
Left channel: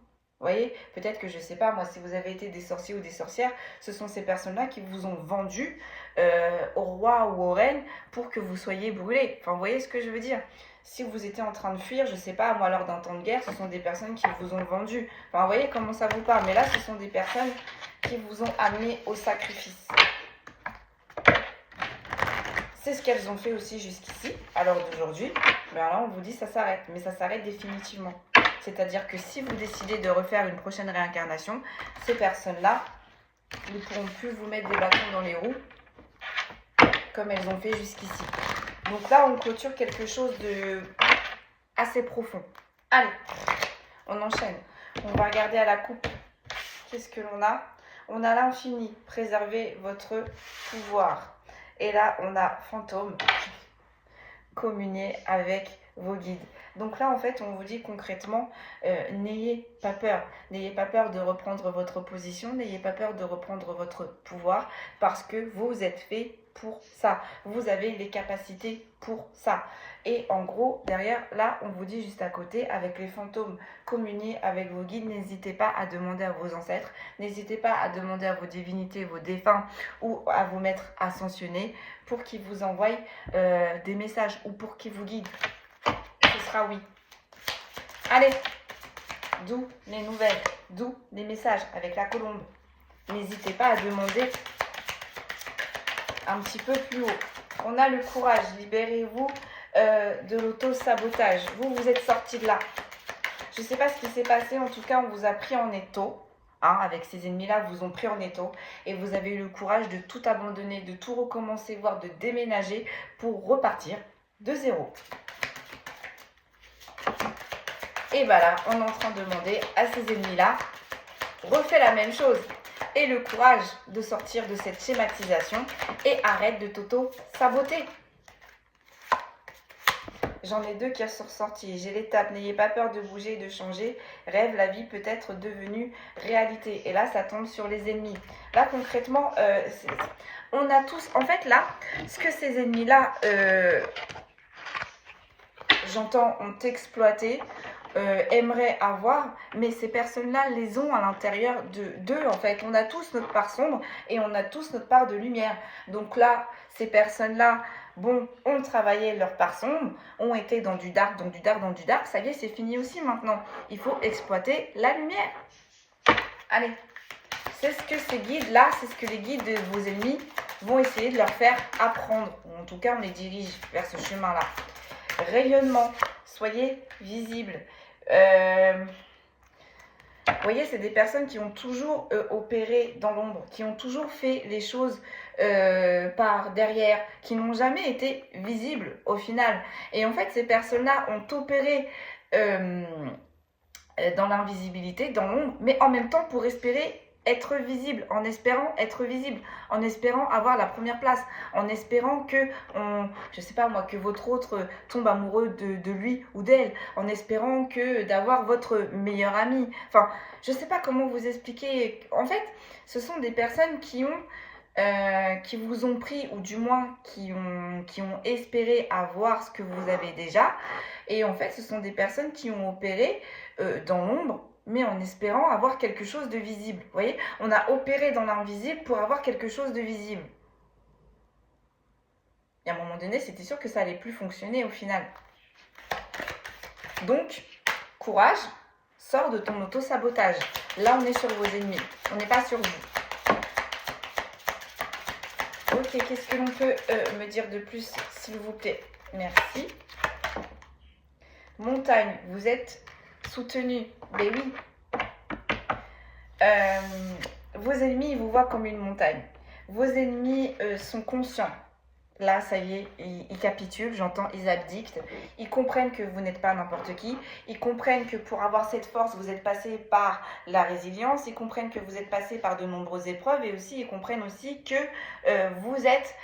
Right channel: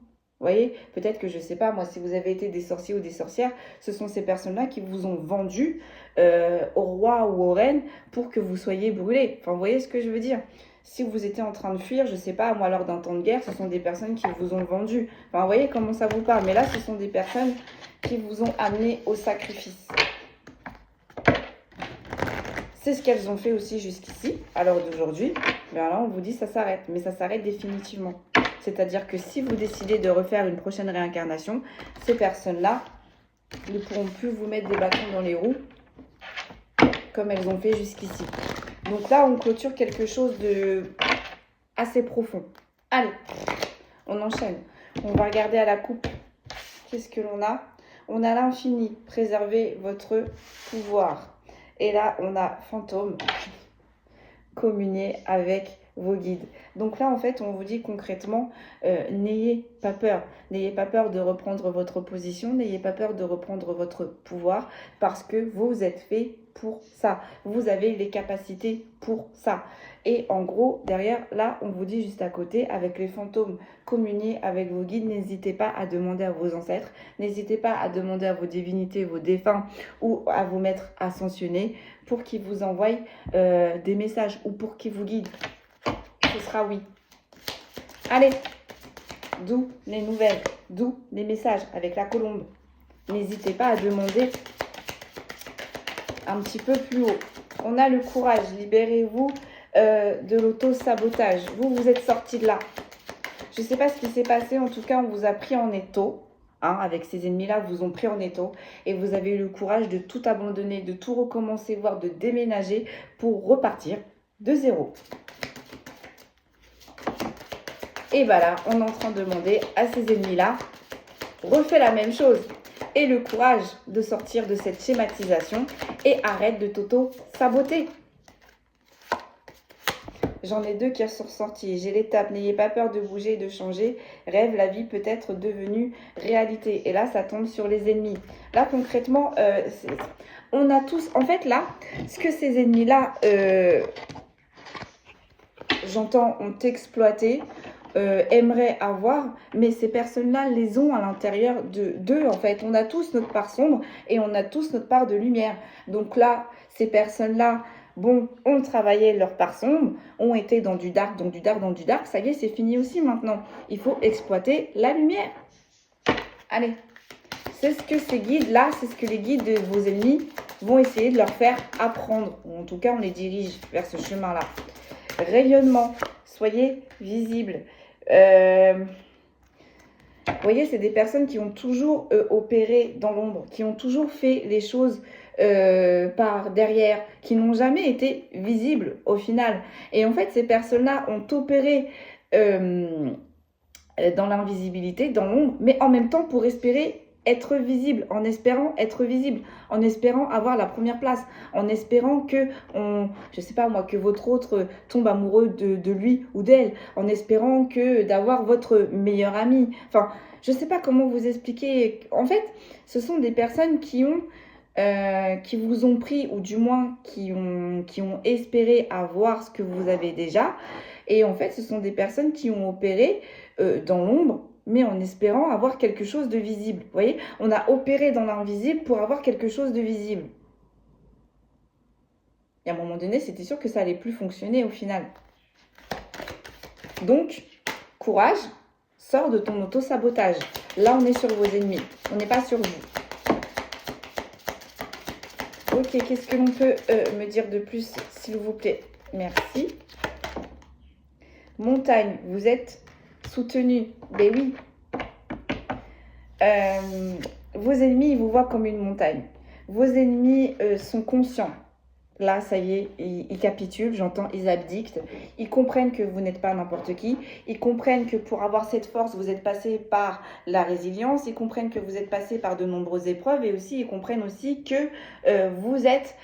Vous voyez, peut-être que, je ne sais pas, moi, si vous avez été des sorciers ou des sorcières, ce sont ces personnes-là qui vous ont vendu au roi ou aux reines pour que vous soyez brûlés. Enfin, vous voyez ce que je veux dire? Si vous étiez en train de fuir, je ne sais pas, moi, lors d'un temps de guerre, ce sont des personnes qui vous ont vendu. Enfin, vous voyez comment ça vous parle. Mais là, ce sont des personnes qui vous ont amené au sacrifice. C'est ce qu'elles ont fait aussi jusqu'ici, à l'heure d'aujourd'hui. Mais là, on vous dit ça s'arrête. Mais ça s'arrête définitivement. C'est-à-dire que si vous décidez de refaire une prochaine réincarnation, ces personnes-là ne pourront plus vous mettre des bâtons dans les roues comme elles ont fait jusqu'ici. Donc là, on clôture quelque chose de assez profond. Allez, on enchaîne. On va regarder à la coupe. Qu'est-ce que l'on a? On a l'infini. Préservez votre pouvoir. Et là, on a fantôme. Communier avec vos guides. Donc là, en fait, on vous dit concrètement, n'ayez pas peur. N'ayez pas peur de reprendre votre position. N'ayez pas peur de reprendre votre pouvoir parce que vous êtes fait pour ça. Vous avez les capacités pour ça. Et en gros, derrière, là, on vous dit juste à côté, avec les fantômes, communiez avec vos guides. N'hésitez pas à demander à vos ancêtres. N'hésitez pas à demander à vos divinités, vos défunts ou à vos maîtres ascensionnés pour qu'ils vous envoient des messages ou pour qu'ils vous guident. Ce sera oui. Allez, d'où les nouvelles, d'où les messages avec la colombe. N'hésitez pas à demander un petit peu plus haut. On a le courage, libérez-vous de l'auto-sabotage. Vous êtes sorti de là. Je ne sais pas ce qui s'est passé, en tout cas, on vous a pris en étau. Hein, avec ces ennemis-là, vous ont pris en étau. Et vous avez eu le courage de tout abandonner, de tout recommencer, voire de déménager pour repartir de zéro. Et voilà, on est en train de demander à ces ennemis-là, refais la même chose. Et le courage de sortir de cette schématisation et arrête de t'auto-saboter. J'en ai deux qui sont ressortis. J'ai l'étape, n'ayez pas peur de bouger et de changer. Rêve, la vie peut être devenue réalité. Et là, ça tombe sur les ennemis. Là, concrètement, on a tous... En fait, là, ce que ces ennemis-là, j'entends, ont exploité, aimeraient avoir, mais ces personnes-là les ont à l'intérieur d'eux, en fait. On a tous notre part sombre et on a tous notre part de lumière. Donc là, ces personnes-là, bon, ont travaillé leur part sombre, ont été dans du dark, dans du dark, dans du dark. Ça y est, c'est fini aussi maintenant. Il faut exploiter la lumière. Allez, c'est ce que ces guides-là, c'est ce que les guides de vos ennemis vont essayer de leur faire apprendre. Ou en tout cas, on les dirige vers ce chemin-là. Rayonnement, soyez visibles. Vous voyez, c'est des personnes qui ont toujours opéré dans l'ombre, qui ont toujours fait les choses par derrière, qui n'ont jamais été visibles au final. Et en fait, ces personnes-là ont opéré dans l'invisibilité, dans l'ombre, mais en même temps pour espérer être visible, en espérant être visible, en espérant avoir la première place, en espérant que, je sais pas moi, que votre autre tombe amoureux de lui ou d'elle, en espérant que d'avoir votre meilleur ami. Enfin, je sais pas comment vous expliquer. En fait, ce sont des personnes qui vous ont pris, ou du moins qui ont espéré avoir ce que vous avez déjà. Et en fait, ce sont des personnes qui ont opéré dans l'ombre, mais en espérant avoir quelque chose de visible. Vous voyez, on a opéré dans l'invisible pour avoir quelque chose de visible. Et à un moment donné, c'était sûr que ça allait plus fonctionner au final. Donc, courage, Sors de ton auto-sabotage. Là, on est sur vos ennemis. On n'est pas sur vous. Ok, qu'est-ce que l'on peut me dire de plus, s'il vous plaît? Merci. Montagne, vous êtes soutenu. Ben oui. Vos ennemis, ils vous voient comme une montagne. Vos ennemis sont conscients. Là, ça y est, ils capitulent, j'entends, ils abdiquent. Ils comprennent que vous n'êtes pas n'importe qui. Ils comprennent que pour avoir cette force, vous êtes passé par la résilience. Ils comprennent que vous êtes passé par de nombreuses épreuves. Et aussi, ils comprennent aussi que vous êtes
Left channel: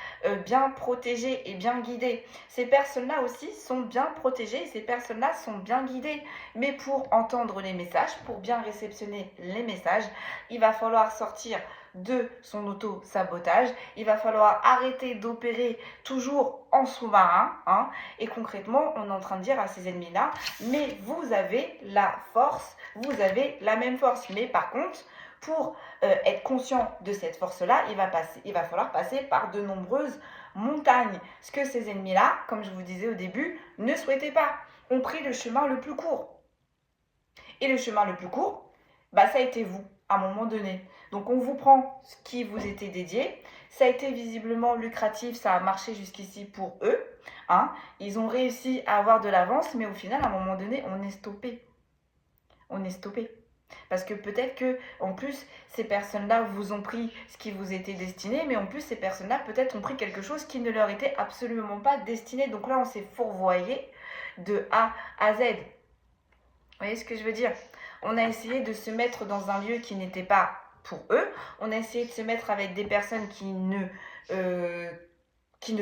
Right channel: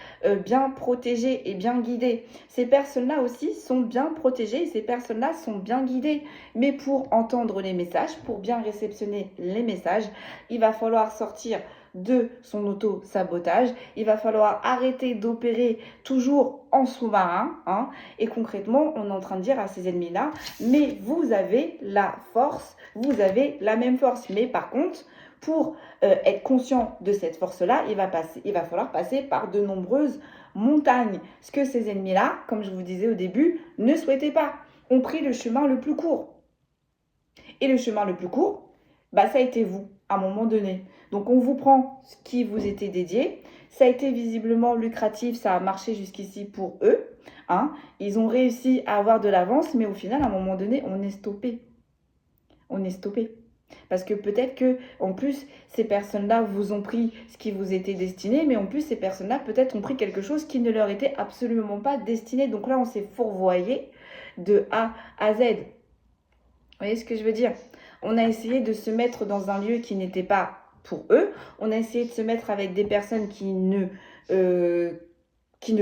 bien protégé et bien guidé. Ces personnes-là aussi sont bien protégées et ces personnes-là sont bien guidées. Mais pour entendre les messages, pour bien réceptionner les messages, il va falloir sortir de son auto-sabotage. Il va falloir arrêter d'opérer toujours en sous-marin. Et concrètement, on est en train de dire à ces ennemis-là, mais vous avez la force, vous avez la même force. Mais par contre, pour être conscient de cette force-là, il va falloir passer par de nombreuses montagnes. Ce que ces ennemis-là, comme je vous disais au début, ne souhaitaient pas, ont pris le chemin le plus court. Et le chemin le plus court, ça a été vous, à un moment donné. Donc, on vous prend ce qui vous était dédié. Ça a été visiblement lucratif, ça a marché jusqu'ici pour eux. Ils ont réussi à avoir de l'avance, mais au final, à un moment donné, on est stoppé. On est stoppé. Parce que peut-être que, en plus, ces personnes-là vous ont pris ce qui vous était destiné, mais en plus, ces personnes-là, peut-être, ont pris quelque chose qui ne leur était absolument pas destiné. Donc là, on s'est fourvoyé de A à Z. Vous voyez ce que je veux dire? On a essayé de se mettre dans un lieu qui n'était pas pour eux. On a essayé de se mettre avec des personnes qui ne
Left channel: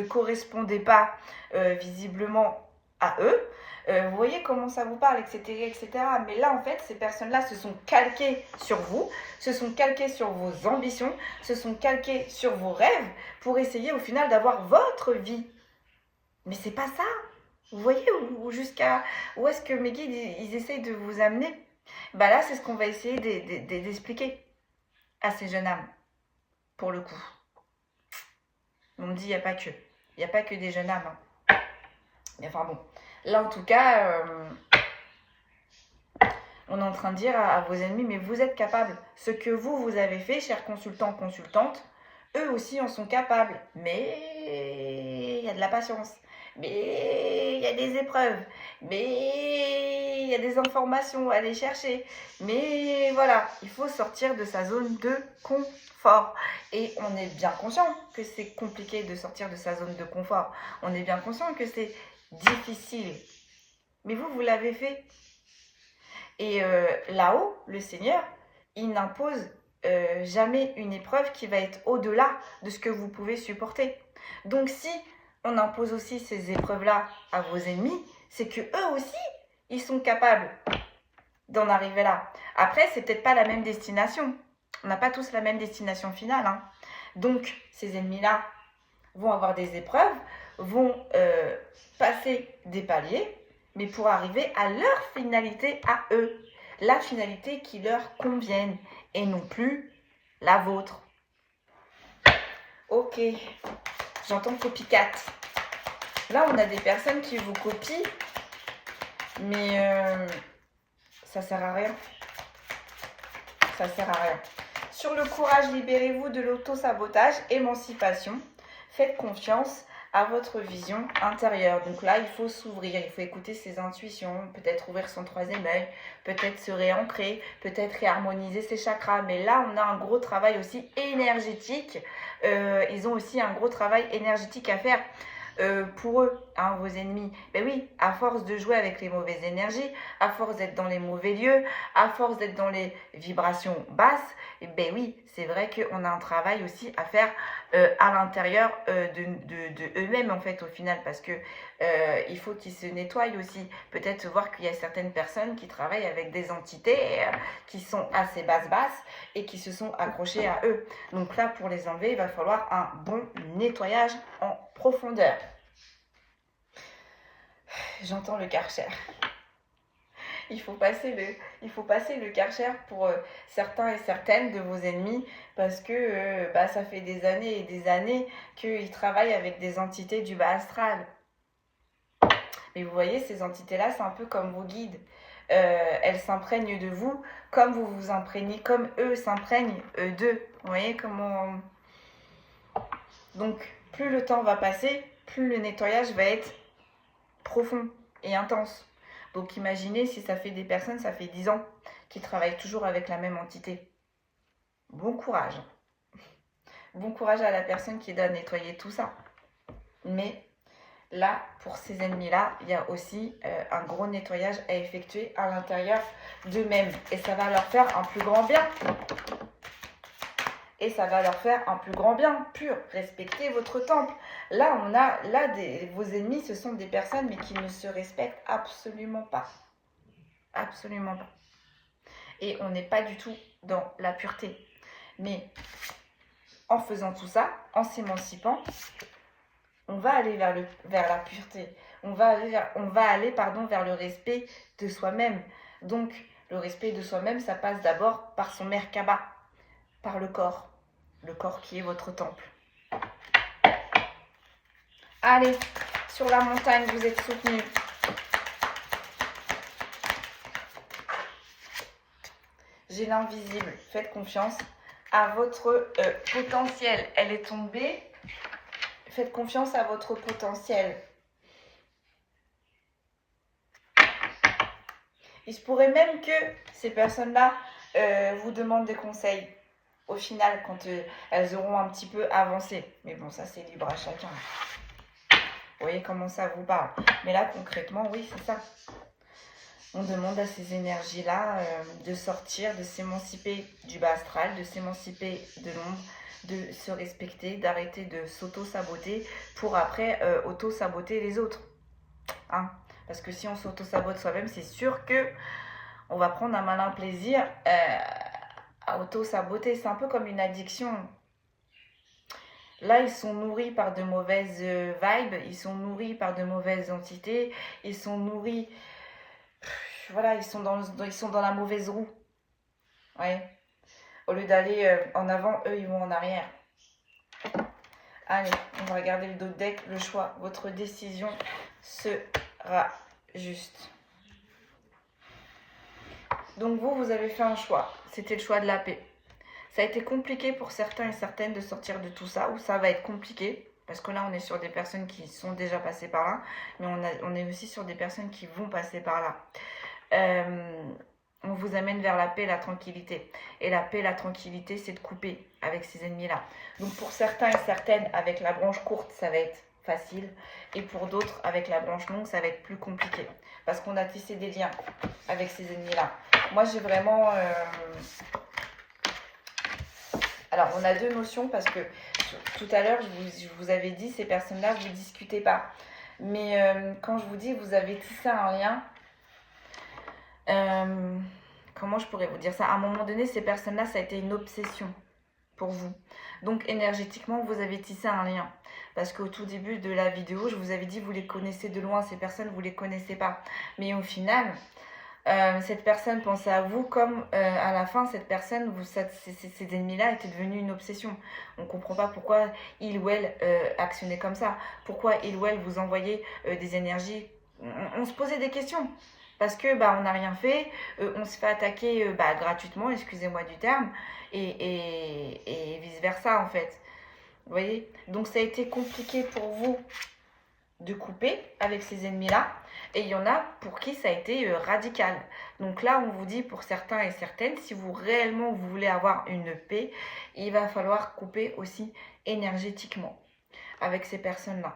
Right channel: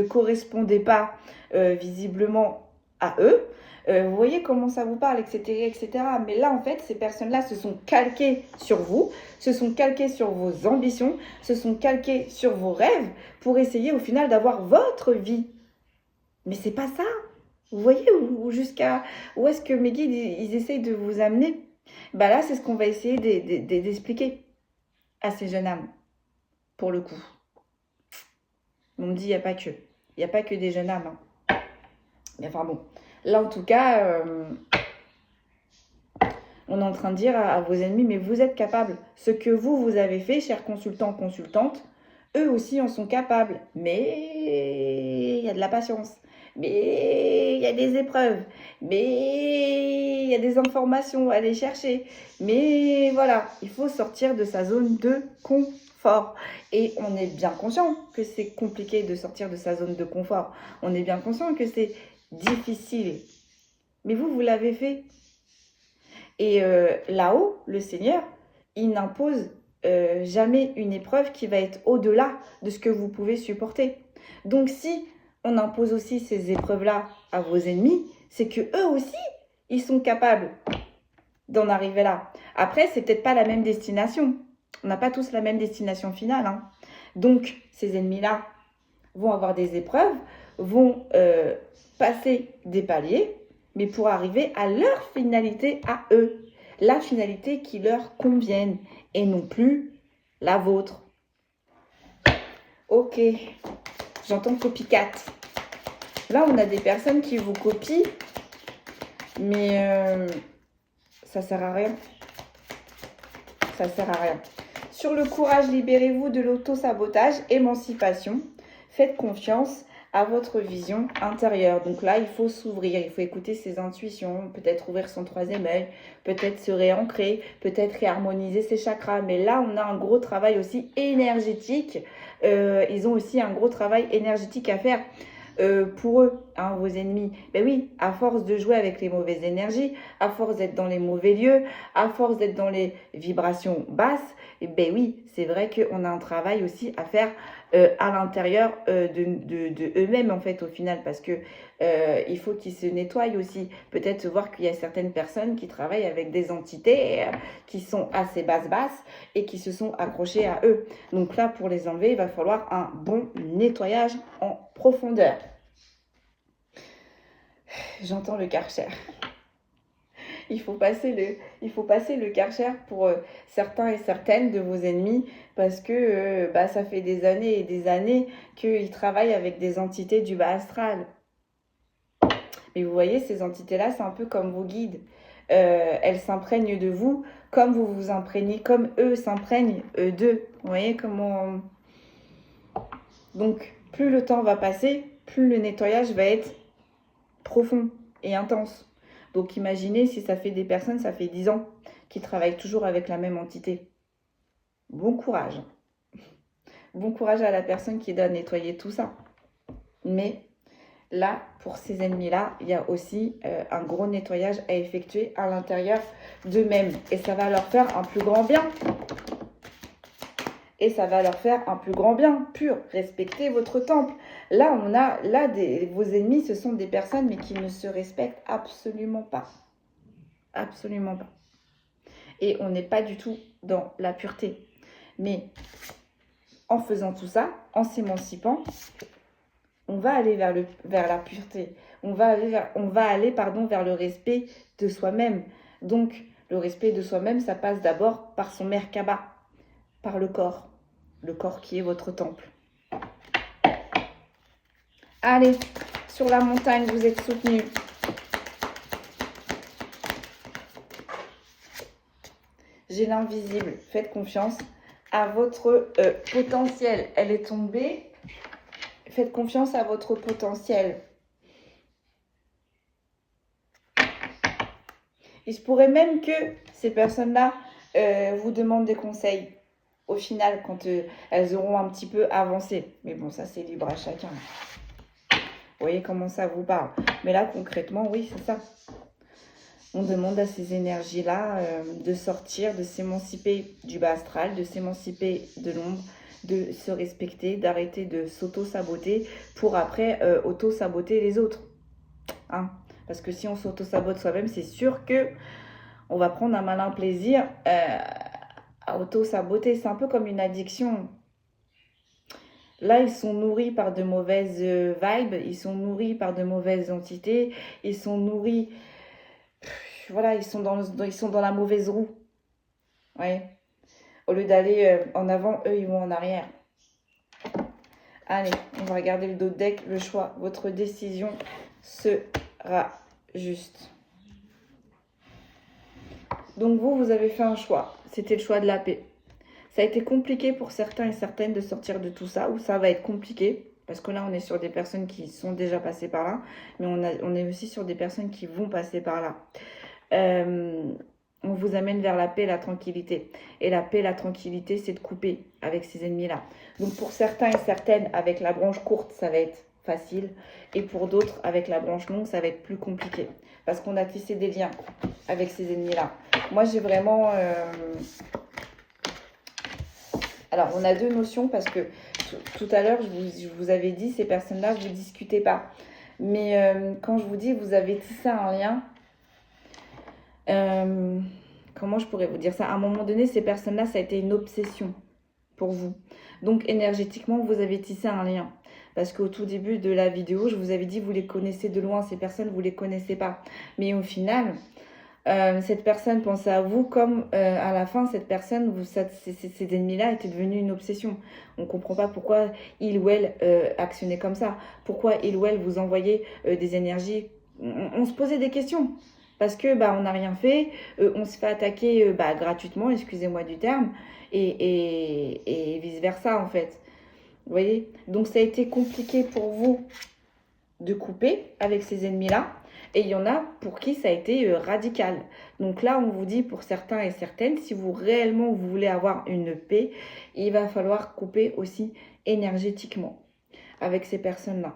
correspondaient pas visiblement à eux. Vous voyez comment ça vous parle, etc., etc. Mais là, en fait, ces personnes-là se sont calquées sur vous, se sont calquées sur vos ambitions, se sont calquées sur vos rêves pour essayer au final d'avoir votre vie. Mais c'est pas ça. Vous voyez où est-ce que mes guides, ils essayent de vous amener? Là, c'est ce qu'on va essayer d'expliquer à ces jeunes âmes, pour le coup. On me dit, il n'y a pas que. Il n'y a pas que des jeunes âmes. Mais enfin bon. Là, en tout cas, on est en train de dire à vos ennemis, mais vous êtes capables. Ce que vous avez fait, chers consultants, consultantes, eux aussi en sont capables. Mais il y a de la patience. Mais il y a des épreuves. Mais il y a des informations à aller chercher. Mais voilà, il faut sortir de sa zone de confort. Et on est bien conscient que c'est compliqué de sortir de sa zone de confort. On est bien conscient que c'est difficile. Mais vous l'avez fait. Et là-haut, le Seigneur, il n'impose jamais une épreuve qui va être au-delà de ce que vous pouvez supporter. Donc si on impose aussi ces épreuves-là à vos ennemis, c'est que eux aussi, ils sont capables d'en arriver là. Après, c'est peut-être pas la même destination. On n'a pas tous la même destination finale. Donc, ces ennemis-là vont avoir des épreuves, vont passer des paliers, mais pour arriver à leur finalité à eux. La finalité qui leur convienne et non plus la vôtre. Ok, j'entends copycat. Là, on a des personnes qui vous copient, mais ça sert à rien. Ça sert à rien. Sur le courage, libérez-vous de l'auto-sabotage, émancipation. Faites confiance à votre vision intérieure. Donc là, il faut s'ouvrir, il faut écouter ses intuitions, peut-être ouvrir son troisième œil, peut-être se réancrer, peut-être réharmoniser ses chakras. Mais là, on a un gros travail aussi énergétique. Ils ont aussi un gros travail énergétique à faire. Pour eux, vos ennemis. Ben oui, à force de jouer avec les mauvaises énergies, à force d'être dans les mauvais lieux, à force d'être dans les vibrations basses, ben oui, c'est vrai qu'on a un travail aussi à faire à l'intérieur de eux-mêmes en fait au final, parce que il faut qu'ils se nettoient aussi. Peut-être voir qu'il y a certaines personnes qui travaillent avec des entités qui sont assez basses et qui se sont accrochées à eux. Donc là, pour les enlever, il va falloir un bon nettoyage en profondeur. J'entends le Karcher. Il faut passer le Karcher pour certains et certaines de vos ennemis, parce que ça fait des années et des années qu'ils travaillent avec des entités du bas astral. Mais vous voyez, ces entités-là, c'est un peu comme vos guides. elles s'imprègnent de vous comme vous vous imprégnez, comme eux s'imprègnent d'eux. Vous voyez comment... Donc, plus le temps va passer, plus le nettoyage va être profond et intense. Donc, imaginez si ça fait des personnes, ça fait 10 ans, qui travaillent toujours avec la même entité. Bon courage. Bon courage à la personne qui doit nettoyer tout ça. Mais là, pour ces ennemis-là, il y a aussi un gros nettoyage à effectuer à l'intérieur d'eux-mêmes. Et ça va leur faire un plus grand bien. Et ça va leur faire un plus grand bien, pur. Respectez votre temple. Là, vos ennemis, ce sont des personnes, mais qui ne se respectent absolument pas. Absolument pas. Et on n'est pas du tout dans la pureté. Mais en faisant tout ça, en s'émancipant, on va aller vers la pureté. On va aller vers le respect de soi-même. Donc, le respect de soi-même, ça passe d'abord par son Merkaba, par le corps qui est votre temple. Allez, sur la montagne, vous êtes soutenus. J'ai l'invisible, faites confiance à votre potentiel. Elle est tombée. Faites confiance à votre potentiel. Il se pourrait même que ces personnes-là vous demandent des conseils. Au final, quand elles auront un petit peu avancé. Mais bon, ça, c'est libre à chacun. Vous voyez comment ça vous parle. Mais là, concrètement, oui, c'est ça. On demande à ces énergies-là de sortir, de s'émanciper du bas astral, de s'émanciper de l'ombre, de se respecter, d'arrêter de s'auto-saboter pour après auto-saboter les autres. Hein? Parce que si on s'auto-sabote soi-même, c'est sûr que on va prendre un malin plaisir à auto-saboter. C'est un peu comme une addiction. Là, ils sont nourris par de mauvaises vibes, ils sont nourris par de mauvaises entités, ils sont nourris... Voilà, ils sont dans la mauvaise roue. Ouais. Au lieu d'aller en avant, eux, ils vont en arrière. Allez, on va regarder le dos de deck. Le choix, votre décision sera juste. Donc vous avez fait un choix. C'était le choix de la paix. Ça a été compliqué pour certains et certaines de sortir de tout ça, ou ça va être compliqué. Parce que là, on est sur des personnes qui sont déjà passées par là. Mais on est aussi sur des personnes qui vont passer par là. On vous amène vers la paix et la tranquillité. Et la paix et la tranquillité, c'est de couper avec ces ennemis-là. Donc pour certains et certaines, avec la branche courte, ça va être facile. Et pour d'autres, avec la branche longue, ça va être plus compliqué. Parce qu'on a tissé des liens avec ces ennemis-là. Moi, j'ai vraiment... Alors, on a deux notions parce que tout à l'heure, je vous avais dit, ces personnes-là, vous ne discutez pas. Mais quand je vous dis, vous avez tissé un lien... comment je pourrais vous dire ça? À un moment donné, ces personnes-là, ça a été une obsession pour vous. Donc, énergétiquement, vous avez tissé un lien. Parce qu'au tout début de la vidéo, je vous avais dit, vous les connaissez de loin. Ces personnes, vous ne les connaissez pas. Mais au final, cette personne pensait à vous comme à la fin, cette personne, ces ennemis-là étaient devenus une obsession. On ne comprend pas pourquoi il ou elle actionnait comme ça. Pourquoi il ou elle vous envoyait des énergies. On se posait des questions. Parce que on n'a rien fait, on se fait attaquer gratuitement, excusez-moi du terme, et vice-versa en fait. Vous voyez? Donc ça a été compliqué pour vous de couper avec ces ennemis-là. Et il y en a pour qui ça a été radical. Donc là, on vous dit pour certains et certaines, si vous réellement vous voulez avoir une paix, il va falloir couper aussi énergétiquement avec ces personnes-là.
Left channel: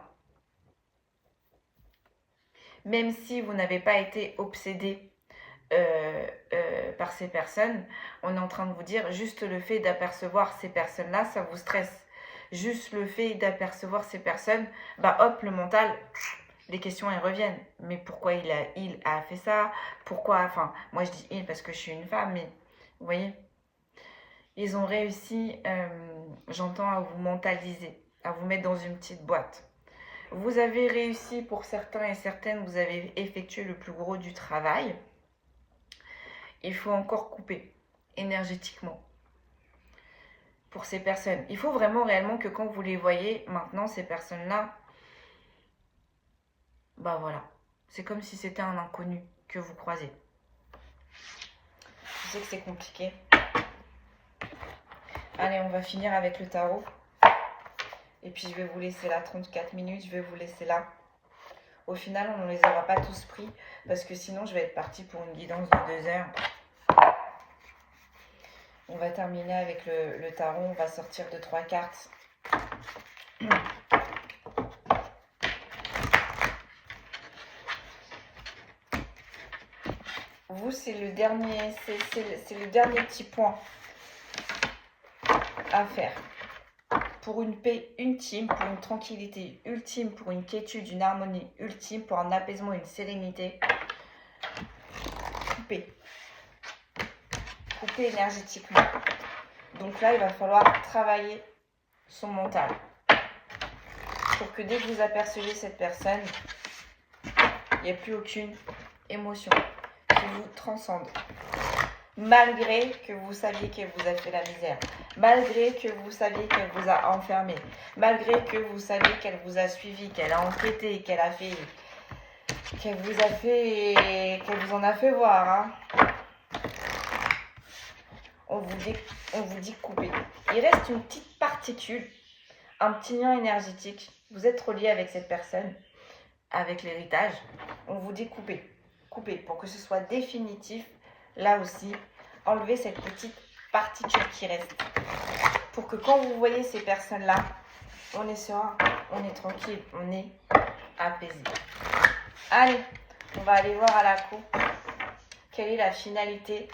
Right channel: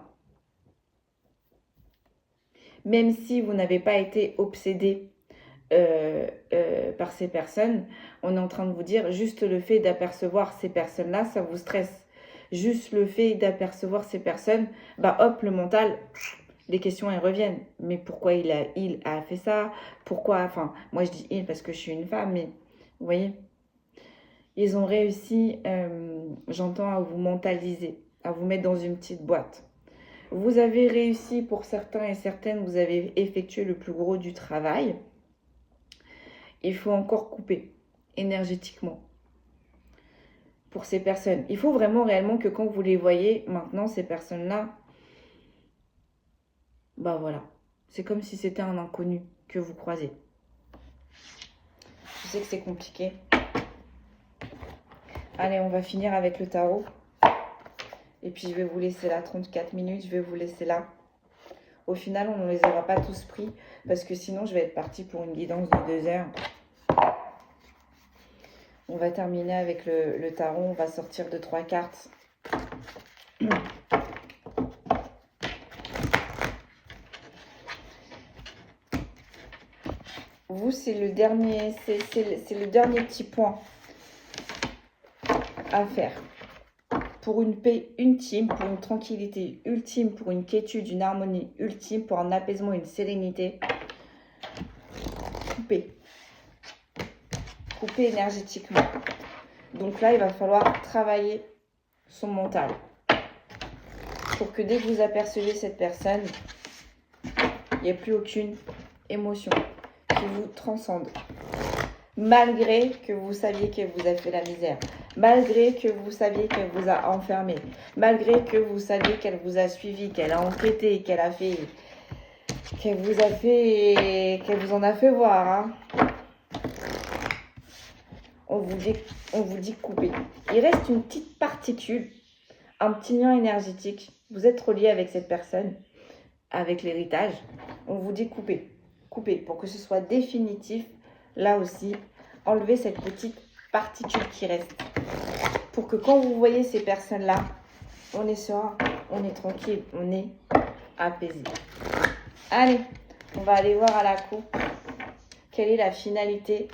Même si vous n'avez pas été obsédé par ces personnes, on est en train de vous dire, juste le fait d'apercevoir ces personnes-là, ça vous stresse. Juste le fait d'apercevoir ces personnes, hop, le mental, les questions, elles reviennent. Mais pourquoi il a fait ça? Pourquoi? Enfin, moi je dis il parce que je suis une femme, mais vous voyez, ils ont réussi, j'entends, à vous mentaliser, à vous mettre dans une petite boîte. Vous avez réussi pour certains et certaines, vous avez effectué le plus gros du travail. Il faut encore couper énergétiquement pour ces personnes. Il faut vraiment réellement que quand vous les voyez maintenant, ces personnes-là, voilà. C'est comme si c'était un inconnu que vous croisez. sais que c'est compliqué. Allez, on va finir avec le tarot. Et puis, je vais vous laisser là 34 minutes. Je vais vous laisser là. Au final, on ne les aura pas tous pris. Parce que sinon, je vais être partie pour une guidance de 2 heures. On va terminer avec le tarot. On va sortir de 3 cartes. Vous, c'est le dernier petit point à faire. Pour une paix ultime, pour une tranquillité ultime, pour une quiétude, une harmonie ultime, pour un apaisement, une sérénité. Couper énergétiquement. Donc là, il va falloir travailler son mental. Pour que dès que vous apercevez cette personne, il n'y a plus aucune émotion qui vous transcende. Malgré que vous saviez qu'elle vous a fait la misère. Malgré que vous saviez qu'elle vous a enfermé. Malgré que vous saviez qu'elle vous a suivi, qu'elle a enquêté, qu'elle vous en a fait voir. Hein. On vous dit couper. Il reste une petite particule, un petit lien énergétique. Vous êtes relié avec cette personne, avec l'héritage. On vous dit couper. Couper pour que ce soit définitif. Là aussi, enlevez cette petite particule qui reste. Pour que quand vous voyez ces personnes-là, on est serein, on est tranquille, on est apaisé. Allez, on va aller voir à la coupe. Quelle est la finalité,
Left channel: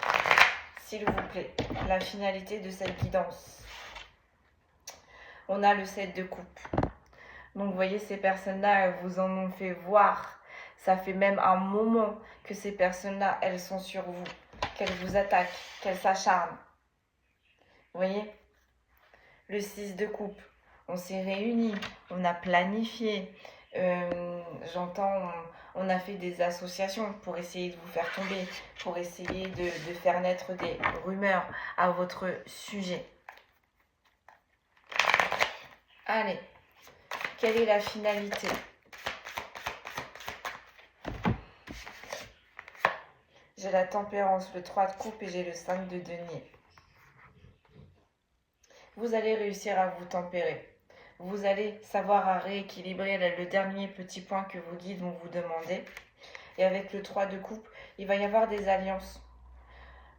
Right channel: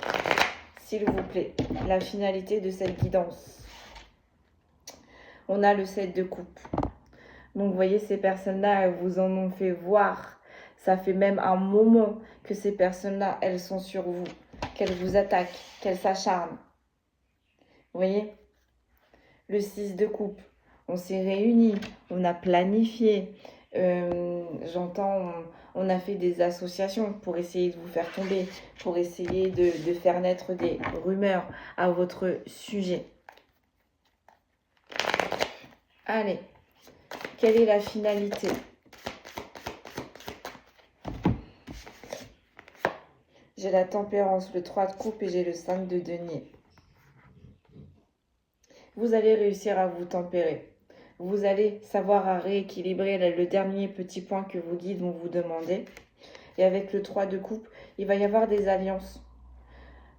s'il vous plaît, la finalité de cette guidance? On a le 7 de coupe. Donc, vous voyez, ces personnes-là, elles vous en ont fait voir. Ça fait même un moment que ces personnes-là, elles sont sur vous. Qu'elles vous attaquent, qu'elles s'acharnent. Vous voyez? Le 6 de coupe. On s'est réunis, on a planifié. J'entends, on a fait des associations pour essayer de vous faire tomber, pour essayer de faire naître des rumeurs à votre sujet. Allez, quelle est la finalité? J'ai la tempérance, le 3 de coupe et j'ai le 5 de denier. Vous allez réussir à vous tempérer. Vous allez savoir à rééquilibrer le dernier petit point que vos guides vont vous demander. Et avec le 3 de coupe, il va y avoir des alliances.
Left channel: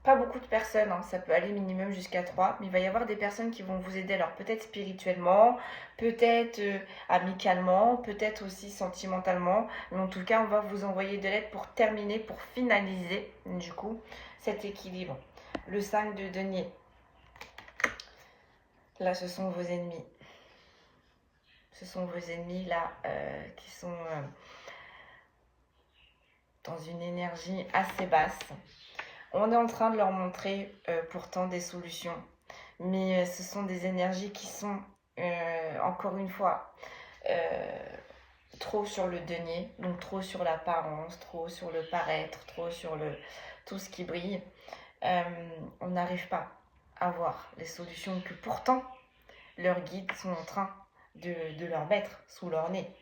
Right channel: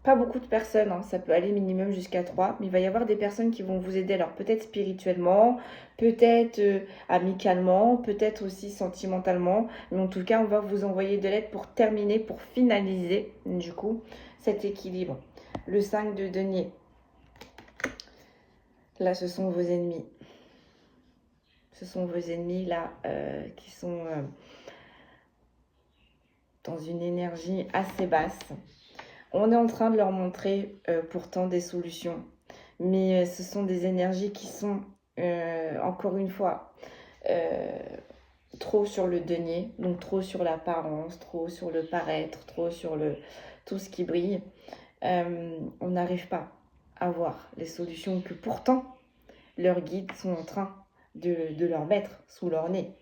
Pas beaucoup de personnes, hein, ça peut aller minimum jusqu'à 3, mais il va y avoir des personnes qui vont vous aider. Alors peut-être spirituellement, peut-être amicalement, peut-être aussi sentimentalement. Mais en tout cas, on va vous envoyer de l'aide pour terminer, pour finaliser du coup cet équilibre. Le 5 de denier. Là, ce sont vos ennemis. Ce sont vos ennemis là qui sont dans une énergie assez basse. On est en train de leur montrer pourtant des solutions. Mais ce sont des énergies qui sont, encore une fois, trop sur le denier. Donc trop sur l'apparence, trop sur le paraître, trop sur tout ce qui brille. On n'arrive pas à voir les solutions que pourtant leurs guides sont en train de leur mettre sous leur nez.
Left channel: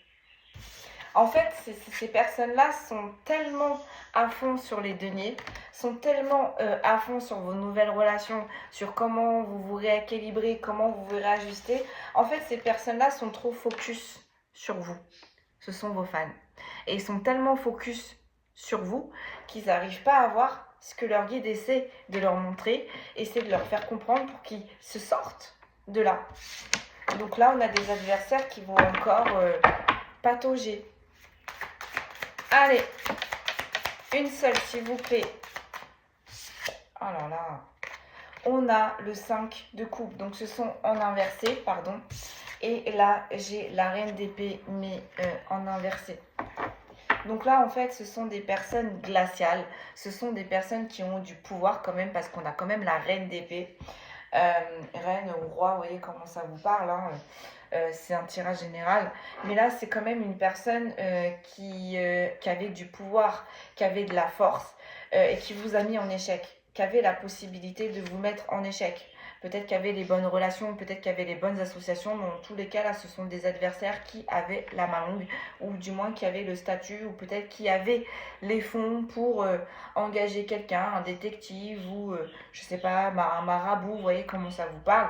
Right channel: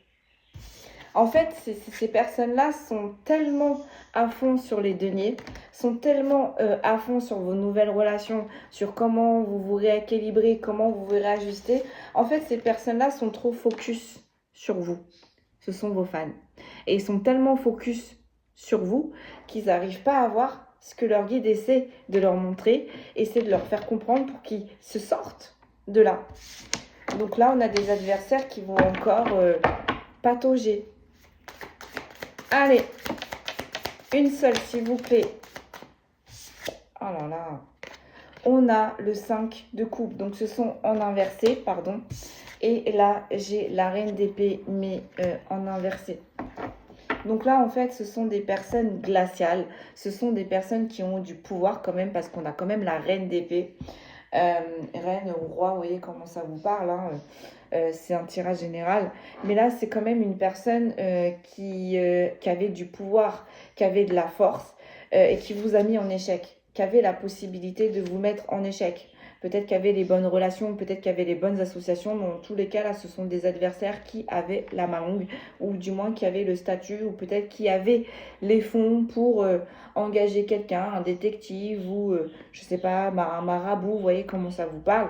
En fait, ces personnes-là sont tellement à fond sur les deniers, sont tellement à fond sur vos nouvelles relations, sur comment vous vous rééquilibrez, comment vous vous réajustez. En fait, ces personnes-là sont trop focus sur vous. Ce sont vos fans. Et ils sont tellement focus sur vous qu'ils n'arrivent pas à voir ce que leur guide essaie de leur montrer, essaie de leur faire comprendre pour qu'ils se sortent de là. Donc là, on a des adversaires qui vont encore patauger. Allez, une seule, s'il vous plaît. Oh là là. On a le 5 de coupe. Donc, ce sont en inversé, pardon. Et là, j'ai la reine d'épée, mais en inversé. Donc là, en fait, ce sont des personnes glaciales. Ce sont des personnes qui ont du pouvoir quand même, parce qu'on a quand même la reine d'épée. Reine ou roi, vous voyez comment ça vous parle, hein. C'est un tirage général, mais là c'est quand même une personne qui avait du pouvoir, qui avait de la force et qui vous a mis en échec, qui avait la possibilité de vous mettre en échec, Peut-être qu'il y avait les bonnes relations, peut-être qu'il y avait les bonnes associations. Mais dans tous les cas, là, ce sont des adversaires qui avaient la main longue, ou du moins qui avaient le statut, ou peut-être qui avaient les fonds pour engager quelqu'un, un détective, ou je sais pas, un marabout, vous voyez comment ça vous parle.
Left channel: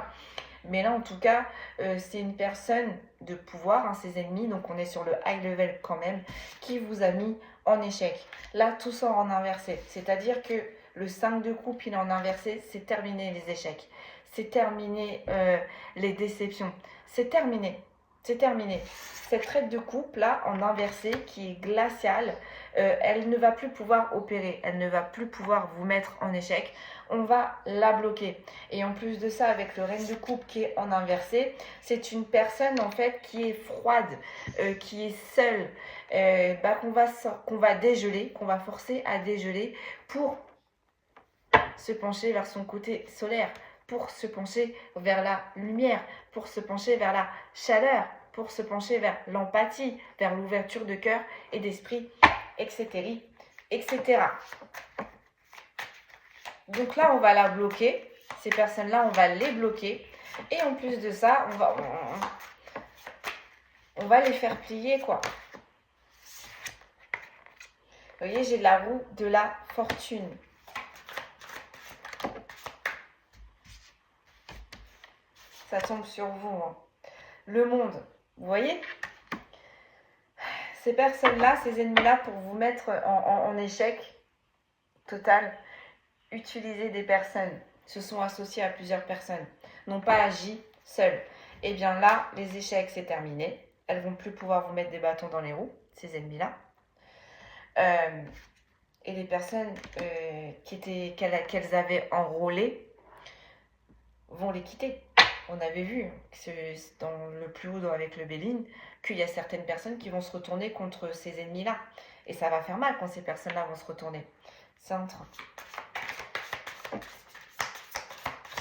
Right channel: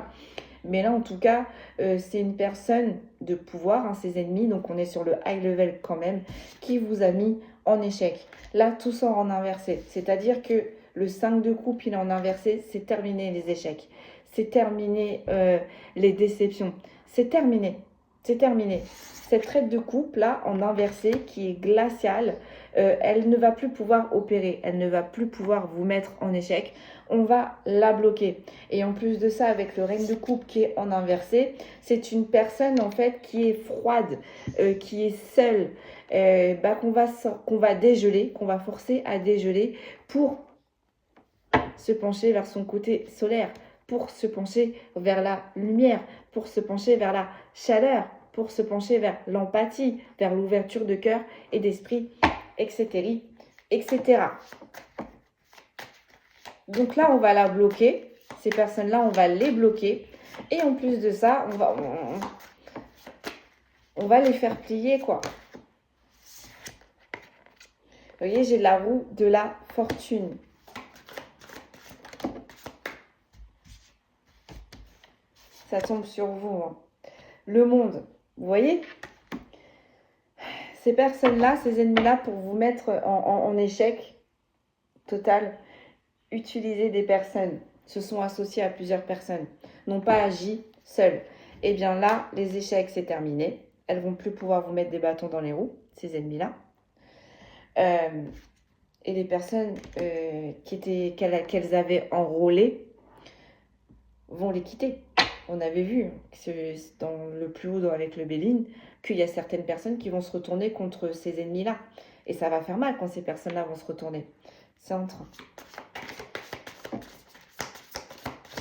Mais là, en tout cas, c'est une personne de pouvoir, hein, ses ennemis, donc on est sur le high level quand même, qui vous a mis en échec. Là, tout sort en inversé. C'est-à-dire que le 5 de coupe, il est en inversé, c'est terminé les échecs. C'est terminé les déceptions. C'est terminé. C'est terminé. Cette traite de coupe, là, en inversé, qui est glaciale, elle ne va plus pouvoir opérer. Elle ne va plus pouvoir vous mettre en échec. On va la bloquer. Et en plus de ça, avec le reine de coupe qui est en inversé, c'est une personne en fait qui est froide, qui est seule, qu'on va dégeler, qu'on va forcer à dégeler pour se pencher vers son côté solaire, pour se pencher vers la lumière, pour se pencher vers la chaleur, pour se pencher vers l'empathie, vers l'ouverture de cœur et d'esprit, etc., etc. Donc là, on va la bloquer. Ces personnes-là, on va les bloquer. Et en plus de ça, on va les faire plier, quoi. Vous voyez, j'ai la roue de la fortune. Ça tombe sur vous, hein. Le monde, vous voyez? Ces personnes-là, ces ennemis-là, pour vous mettre en échec total, utiliser des personnes, se sont associés à plusieurs personnes, n'ont pas agi seules. Et bien là, les échecs, c'est terminé. Elles vont plus pouvoir vous mettre des bâtons dans les roues, ces ennemis-là. Et les personnes qu'elles avaient enrôlées vont les quitter. On avait vu dans le plus haut avec le Béline qu'il y a certaines personnes qui vont se retourner contre ces ennemis-là. Et ça va faire mal quand ces personnes-là vont se retourner. C'est en train.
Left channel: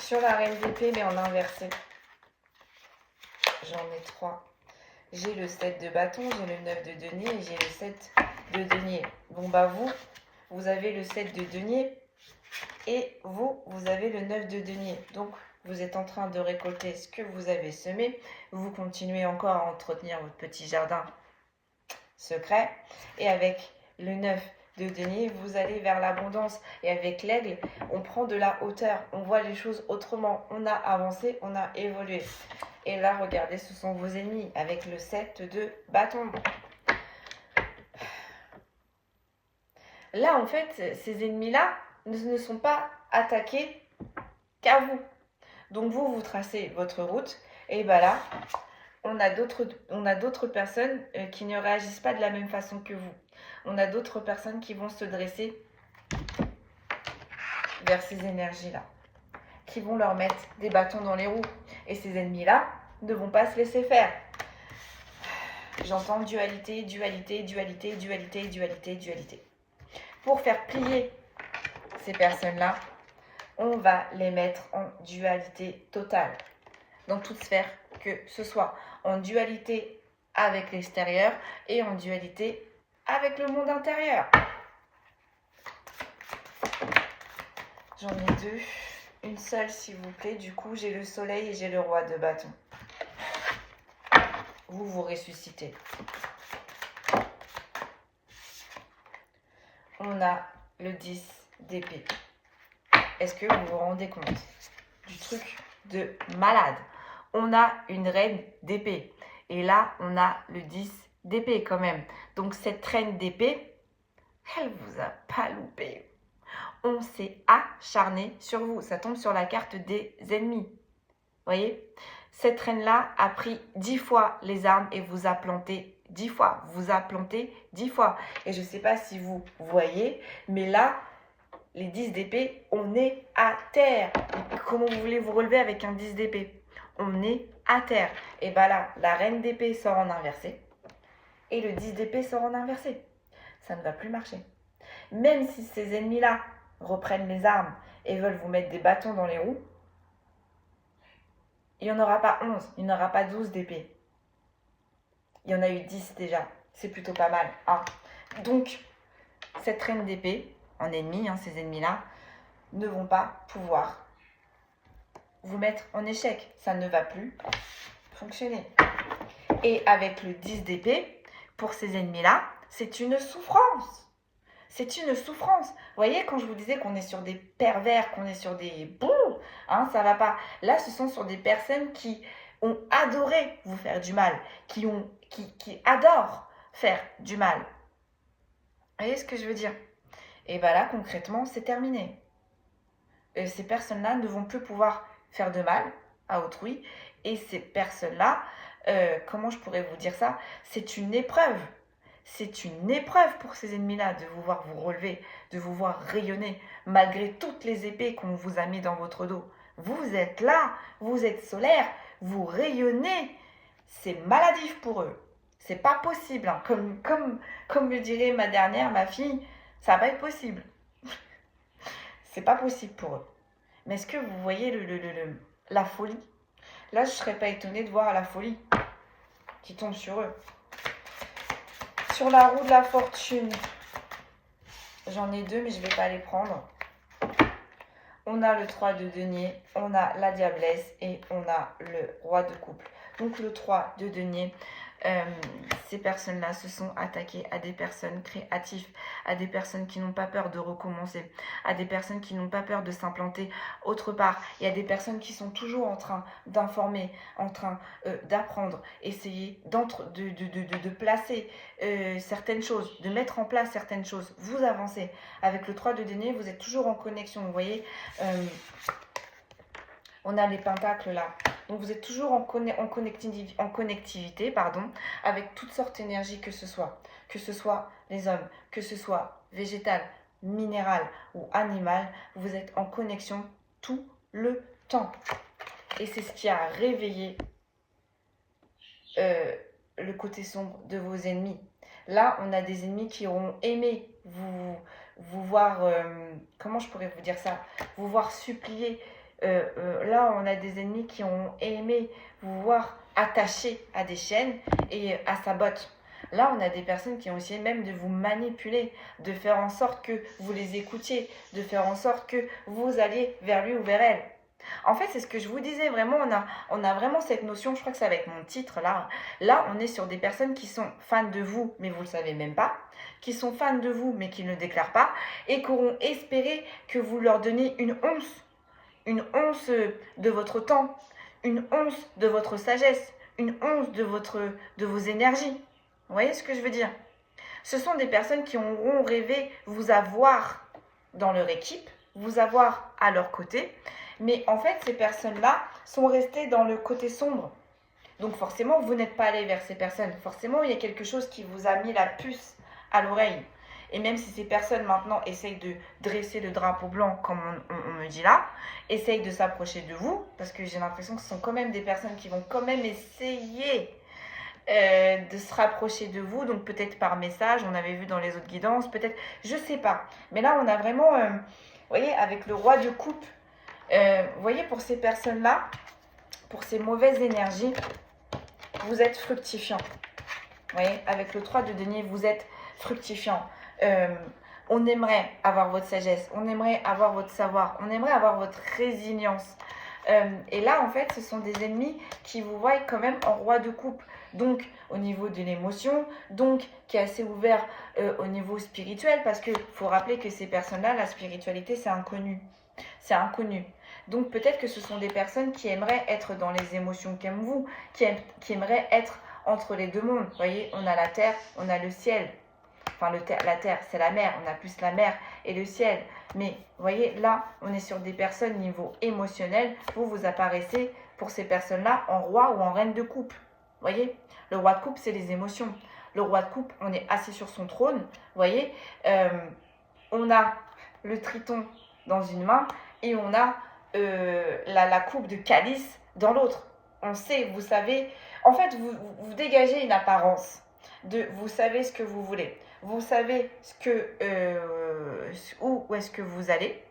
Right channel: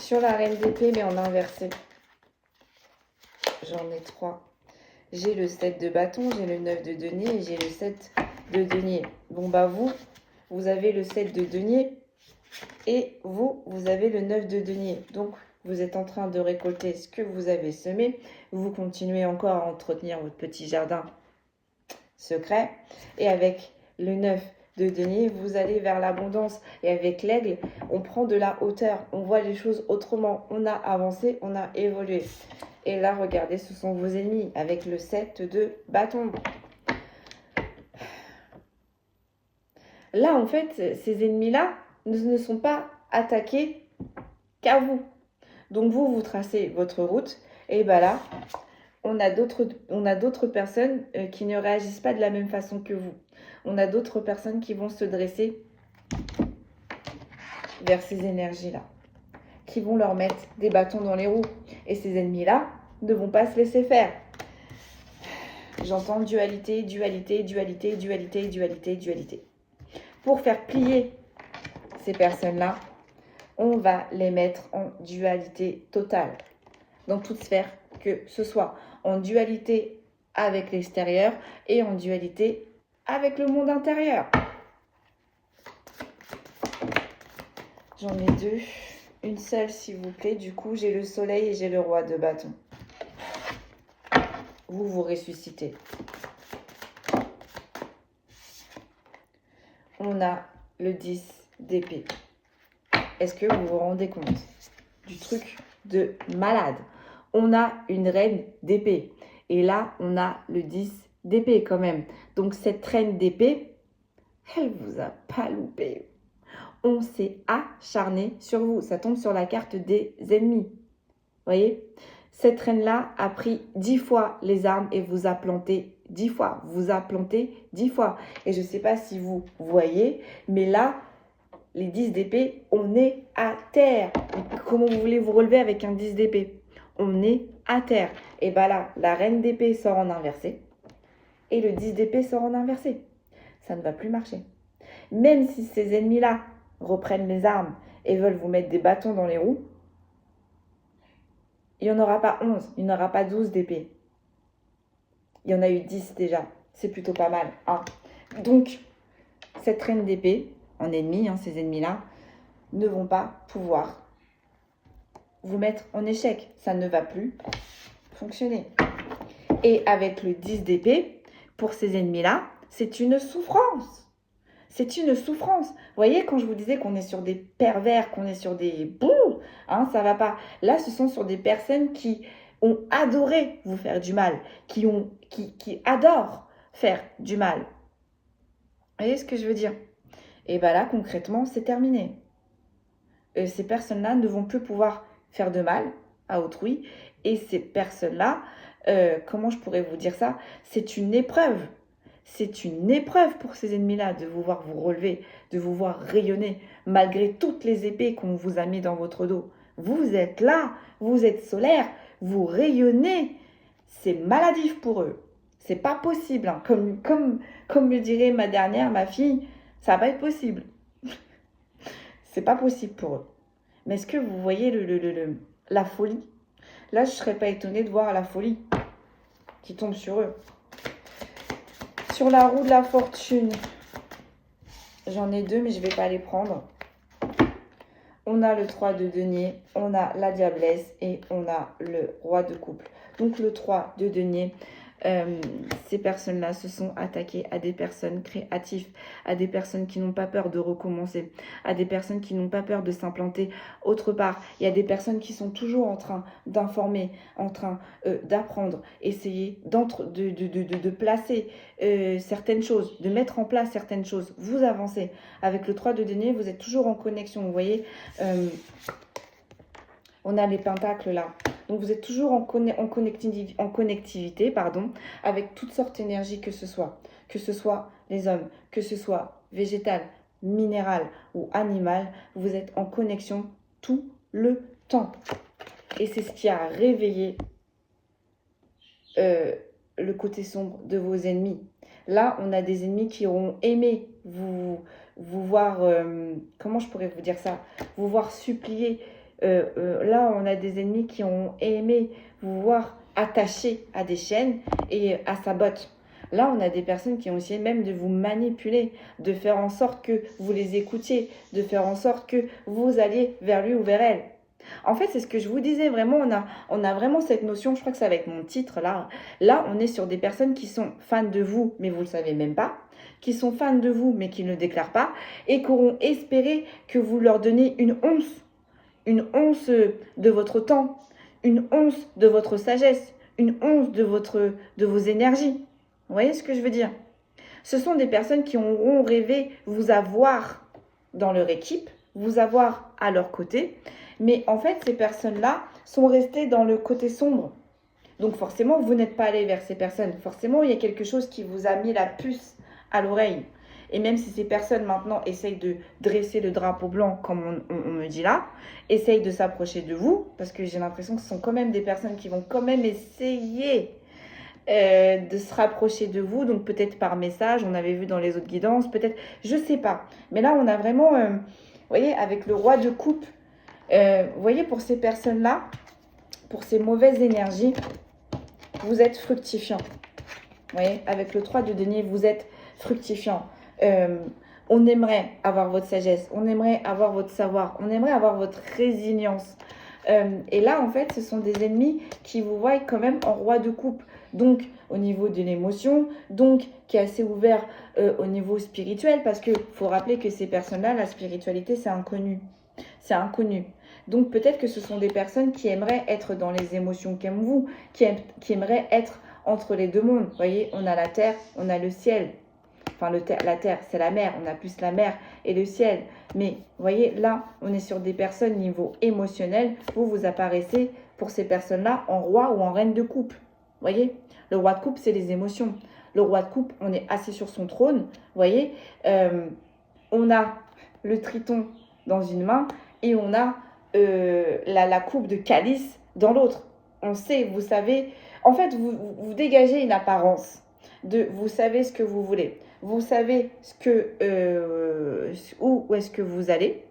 Sur la reine d'épée, mais en inversé. J'en ai 3. J'ai le 7 de bâton, j'ai le 9 de denier et j'ai le 7 de denier. Bon, bah vous avez le 7 de denier et vous avez le 9 de denier. Donc, vous êtes en train de récolter ce que vous avez semé. Vous continuez encore à entretenir votre petit jardin secret. Et avec le 9 de denier, vous allez vers l'abondance. Et avec l'aigle, on prend de la hauteur. On voit les choses autrement. On a avancé, on a évolué. Et là, regardez, ce sont vos ennemis avec le 7 de bâton. Là, en fait, ces ennemis-là ne sont pas attaqués qu'à vous. Donc, vous tracez votre route. Et bien là, on a d'autres personnes qui ne réagissent pas de la même façon que vous. On a d'autres personnes qui vont se dresser vers ces énergies-là, qui vont leur mettre des bâtons dans les roues. Et ces ennemis-là ne vont pas se laisser faire. J'entends dualité, dualité, dualité, dualité, dualité, dualité. Pour faire plier ces personnes-là, on va les mettre en dualité totale. Dans toute sphère, que ce soit en dualité avec l'extérieur et en dualité avec le monde intérieur. J'en ai 2. Une seule, s'il vous plaît. Du coup, j'ai le soleil et j'ai le roi de bâton. Vous ressuscitez. On a le 10 d'épée. Est-ce que vous vous rendez compte du truc de malade? On a une reine d'épée. Et là, on a le 10 d'épée quand même. Donc, cette reine d'épée, elle vous a pas loupé. On s'est acharné sur vous. Ça tombe sur la carte des ennemis. Voyez? Cette reine-là a pris 10 fois les armes et vous a planté 10 fois. Vous a planté 10 fois. Et je ne sais pas si vous voyez, mais là, les 10 d'épée, on est à terre. Comment vous voulez vous relever avec un 10 d'épée? On est à terre. Et bien là, la reine d'épée sort en inversé. Et le 10 d'épée sort en inversé. Ça ne va plus marcher. Même si ces ennemis-là reprennent les armes et veulent vous mettre des bâtons dans les roues, il n'y en aura pas 11, il n'y en aura pas 12 d'épée. Il y en a eu 10 déjà. C'est plutôt pas mal. Hein. Donc, cette reine d'épée, en ennemi, ces ennemis-là, ne vont pas pouvoir vous mettre en échec. Ça ne va plus fonctionner. Et avec le 10 d'épée, pour ces ennemis-là, c'est une souffrance. C'est une souffrance. Vous voyez, quand je vous disais qu'on est sur des pervers, qu'on est sur des bouts, hein, ça va pas. Là, ce sont sur des personnes qui ont adoré vous faire du mal, qui adorent faire du mal. Vous voyez ce que je veux dire? Et bien là, concrètement, c'est terminé. Ces personnes-là ne vont plus pouvoir faire de mal à autrui. Et ces personnes-là, comment je pourrais vous dire ça? C'est une épreuve. C'est une épreuve pour ces ennemis-là de vous voir vous relever, de vous voir rayonner, malgré toutes les épées qu'on vous a mis dans votre dos. Vous êtes là, vous êtes solaire, vous rayonnez. C'est maladif pour eux. C'est pas possible. Hein. Comme le dirait ma fille, ça va pas être possible. C'est pas possible pour eux. Mais est-ce que vous voyez la folie? Là, je ne serais pas étonnée de voir la folie qui tombe sur eux. Sur la roue de la fortune, j'en ai deux, mais je ne vais pas les prendre. On a le 3 de denier, on a la diablesse et on a le roi de couple. Donc le 3 de denier, ces personnes-là se sont attaquées à des personnes créatives, à des personnes qui n'ont pas peur de recommencer, à des personnes qui n'ont pas peur de s'implanter autre part. Il y a des personnes qui sont toujours en train d'informer, en train d'apprendre, essayer de placer certaines choses, de mettre en place certaines choses. Vous avancez. Avec le 3 de denier, vous êtes toujours en connexion. Vous voyez, on a les pentacles là. Donc, vous êtes toujours en connectivité, avec toutes sortes d'énergies que ce soit les hommes, que ce soit végétal, minéral ou animal, vous êtes en connexion tout le temps. Et c'est ce qui a réveillé le côté sombre de vos ennemis. Là, on a des ennemis qui auront aimé vous voir, comment je pourrais vous dire ça, vous voir supplier. Là, on a des ennemis qui ont aimé vous voir attaché à des chaînes et à sa botte. Là, on a des personnes qui ont essayé même de vous manipuler, de faire en sorte que vous les écoutiez, de faire en sorte que vous alliez vers lui ou vers elle. En fait, c'est ce que je vous disais, vraiment, on a vraiment cette notion, je crois que c'est avec mon titre là. Là, on est sur des personnes qui sont fans de vous, mais vous ne le savez même pas, qui sont fans de vous, mais qui ne le déclarent pas, et qui auront espéré que vous leur donniez une once de votre temps, une once de votre sagesse, une once de vos énergies. Vous voyez ce que je veux dire? Ce sont des personnes qui auront rêvé vous avoir dans leur équipe, vous avoir à leur côté, mais en fait, ces personnes-là sont restées dans le côté sombre. Donc forcément, vous n'êtes pas allé vers ces personnes. Forcément, il y a quelque chose qui vous a mis la puce à l'oreille. Et même si ces personnes maintenant essayent de dresser le drapeau blanc, comme on me dit là, essayent de s'approcher de vous, parce que j'ai l'impression que ce sont quand même des personnes qui vont quand même essayer de se rapprocher de vous, donc peut-être par message, on avait vu dans les autres guidances, peut-être, je sais pas. Mais là, on a vraiment, vous voyez, avec le roi de coupe, vous voyez, pour ces personnes-là, pour ces mauvaises énergies, vous êtes fructifiant. Vous voyez, avec le 3 de denier, vous êtes fructifiant. On aimerait avoir votre sagesse, on aimerait avoir votre savoir, on aimerait avoir votre résilience. Et là, en fait, ce sont des ennemis qui vous voient quand même en roi de coupe. Donc, au niveau de l'émotion, donc, qui est assez ouvert au niveau spirituel, parce qu'il faut rappeler que ces personnes-là, la spiritualité, c'est inconnu. C'est inconnu. Donc, peut-être que ce sont des personnes qui aimeraient être dans les émotions comme vous, qui aimeraient être entre les deux mondes. Vous voyez, on a la terre, on a le ciel. Enfin, la terre, c'est la mer. On a plus la mer et le ciel. Mais, vous voyez, là, on est sur des personnes niveau émotionnel. Vous apparaissez, pour ces personnes-là, en roi ou en reine de coupe. Vous voyez, le roi de coupe, c'est les émotions. Le roi de coupe, on est assis sur son trône. Vous voyez, on a le triton dans une main et on a la coupe de calice dans l'autre. On sait, vous savez, en fait, vous dégagez une apparence de vous savez ce que vous voulez. Vous savez ce que, où est-ce que vous allez.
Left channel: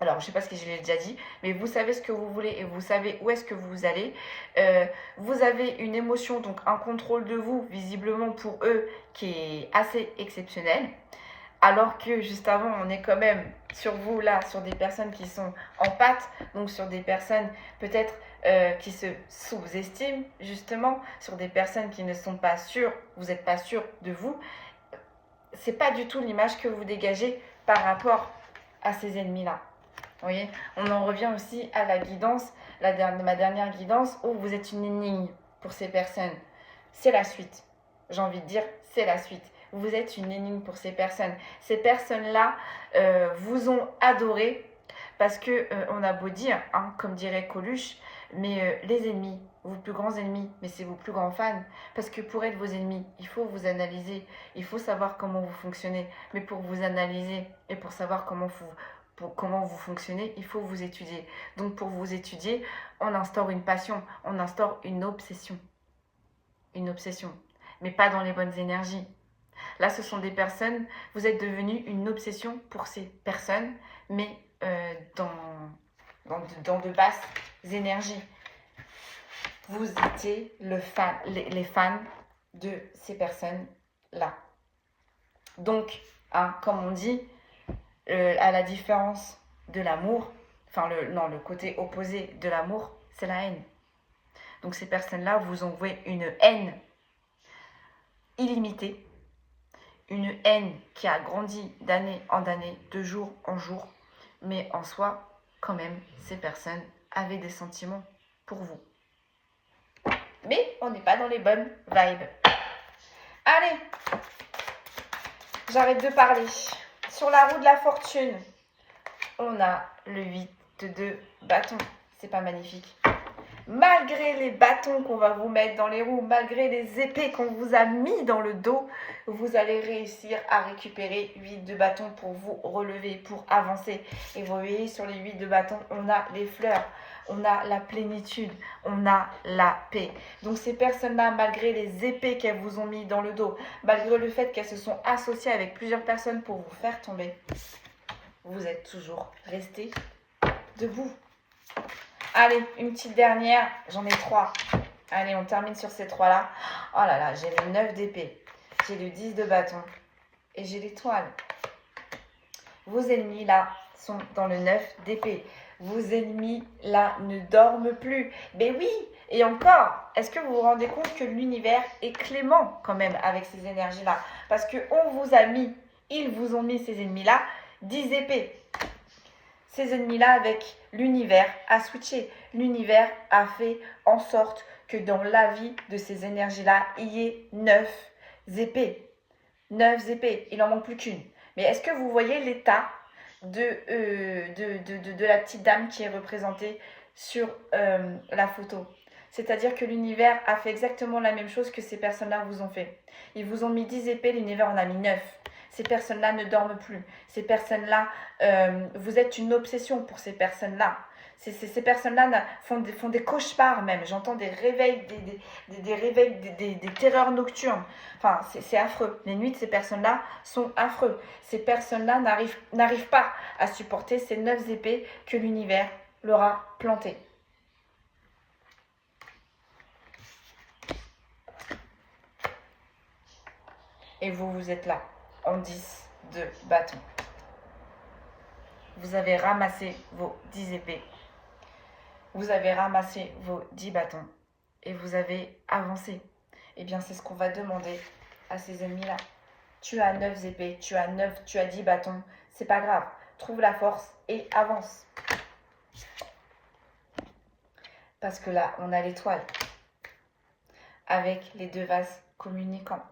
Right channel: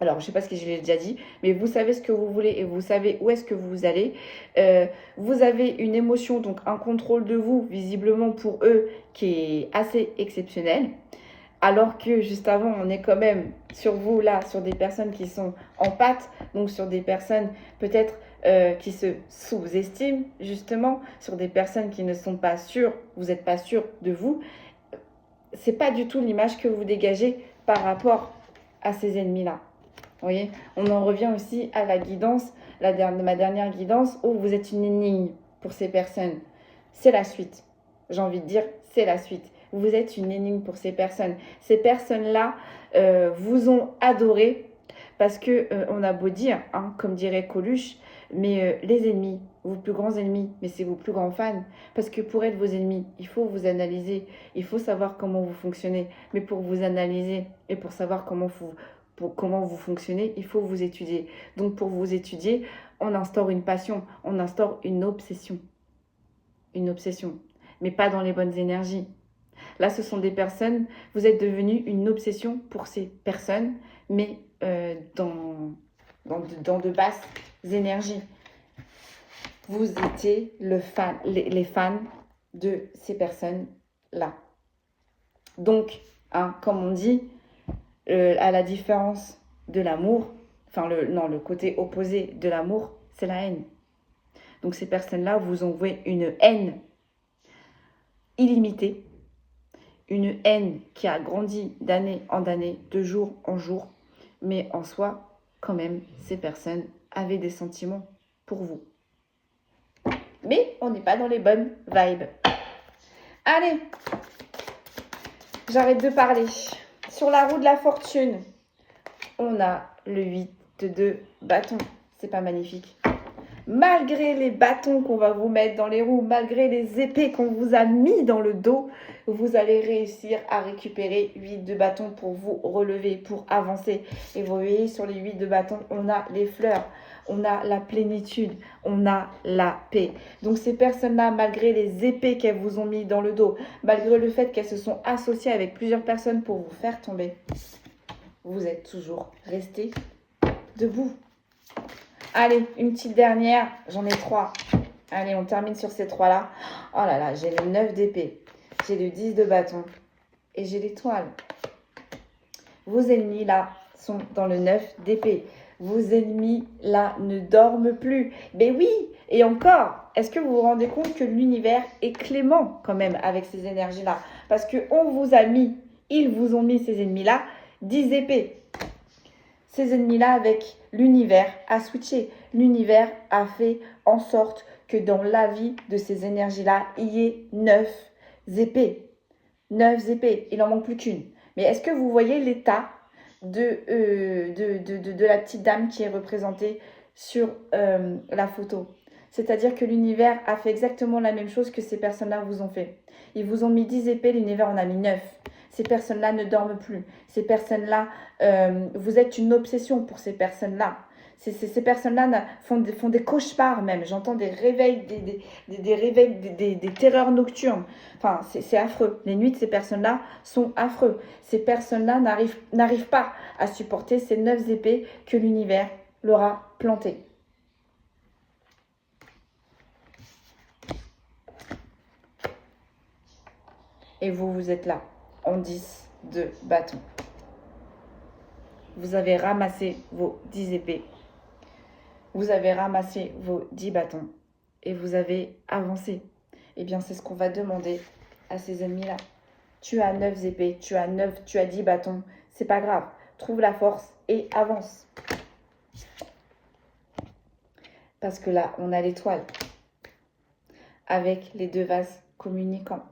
Alors, je ne sais pas ce que je l'ai déjà dit, mais vous savez ce que vous voulez et vous savez où est-ce que vous allez. Vous avez une émotion, donc un contrôle de vous, visiblement pour eux, qui est assez exceptionnel. Alors que juste avant, on est quand même sur vous, là, sur des personnes qui sont en pâte, donc sur des personnes peut-être qui se sous-estiment, justement, sur des personnes qui ne sont pas sûres, vous n'êtes pas sûr de vous. C'est pas du tout l'image que vous dégagez par rapport à ces ennemis-là. Vous voyez, on en revient aussi à la guidance, ma dernière guidance, où vous êtes une énigme pour ces personnes. C'est la suite. J'ai envie de dire, c'est la suite. Vous êtes une énigme pour ces personnes. Ces personnes-là vous ont adoré parce que on a beau dire, hein, comme dirait Coluche, mais les ennemis, vos plus grands ennemis, mais c'est vos plus grands fans. Parce que pour être vos ennemis, il faut vous analyser, il faut savoir comment vous fonctionnez. Mais pour vous analyser et pour savoir comment vous fonctionnez, il faut vous étudier. Donc pour vous étudier, on instaure une passion, on instaure une obsession. Une obsession, mais pas dans les bonnes énergies. Là, ce sont des personnes, vous êtes devenu une obsession pour ces personnes, mais dans de basses énergies. Vous étiez les fans de ces personnes-là. Donc, hein, comme on dit, à la différence de l'amour, enfin le côté opposé de l'amour, c'est la haine. Donc ces personnes-là vous ont voué une haine illimitée, une haine qui a grandi d'année en année, de jour en jour, mais en soi, quand même, ces personnes avaient des sentiments pour vous. Mais on n'est pas dans les bonnes vibes. Allez, j'arrête de parler. Sur la roue de la fortune, on a le 8 de bâton. C'est pas magnifique? Malgré les bâtons qu'on va vous mettre dans les roues, malgré les épées qu'on vous a mis dans le dos, vous allez réussir à récupérer 8 de bâton pour vous relever, pour avancer. Et vous voyez, sur les 8 de bâton, on a les fleurs, on a la plénitude, on a la paix. Donc ces personnes-là, malgré les épées qu'elles vous ont mis dans le dos, malgré le fait qu'elles se sont associées avec plusieurs personnes pour vous faire tomber, vous êtes toujours restés debout. Allez, une petite dernière. J'en ai 3. Allez, on termine sur ces 3-là. Oh là là, j'ai le 9 d'épée. J'ai le 10 de bâton. Et j'ai l'étoile. Vos ennemis, là, sont dans le 9 d'épée. Vos ennemis, là, ne dorment plus. Mais oui, et encore, est-ce que vous vous rendez compte que l'univers est clément quand même avec ces énergies-là? Parce qu'on vous a mis, ils vous ont mis ces ennemis-là, 10 épées. Ces ennemis-là, avec l'univers, a switché. L'univers a fait en sorte que dans la vie de ces énergies-là, il y ait 9 épées. 9 épées. Il n'en manque plus qu'une. Mais est-ce que vous voyez l'état de la petite dame qui est représentée sur la photo? C'est-à-dire que l'univers a fait exactement la même chose que ces personnes-là vous ont fait. Ils vous ont mis 10 épées, l'univers en a mis 9. Ces personnes-là ne dorment plus. Ces personnes-là, vous êtes une obsession pour ces personnes-là. Ces personnes-là font des cauchemars même. J'entends des réveils, des réveils, des terreurs nocturnes. Enfin, c'est affreux. Les nuits de ces personnes-là sont affreux. Ces personnes-là n'arrivent pas à supporter ces 9 épées que l'univers leur a plantées. Et vous êtes là, en 10 de bâton. Vous avez ramassé vos 10 épées. Vous avez ramassé vos 10 bâtons. Et vous avez avancé. Eh bien, c'est ce qu'on va demander à ces ennemis-là. Tu as 9 épées, tu as 10 bâtons. C'est pas grave. Trouve la force et avance. Parce que là, on a l'étoile. Avec les 2 vases communicants.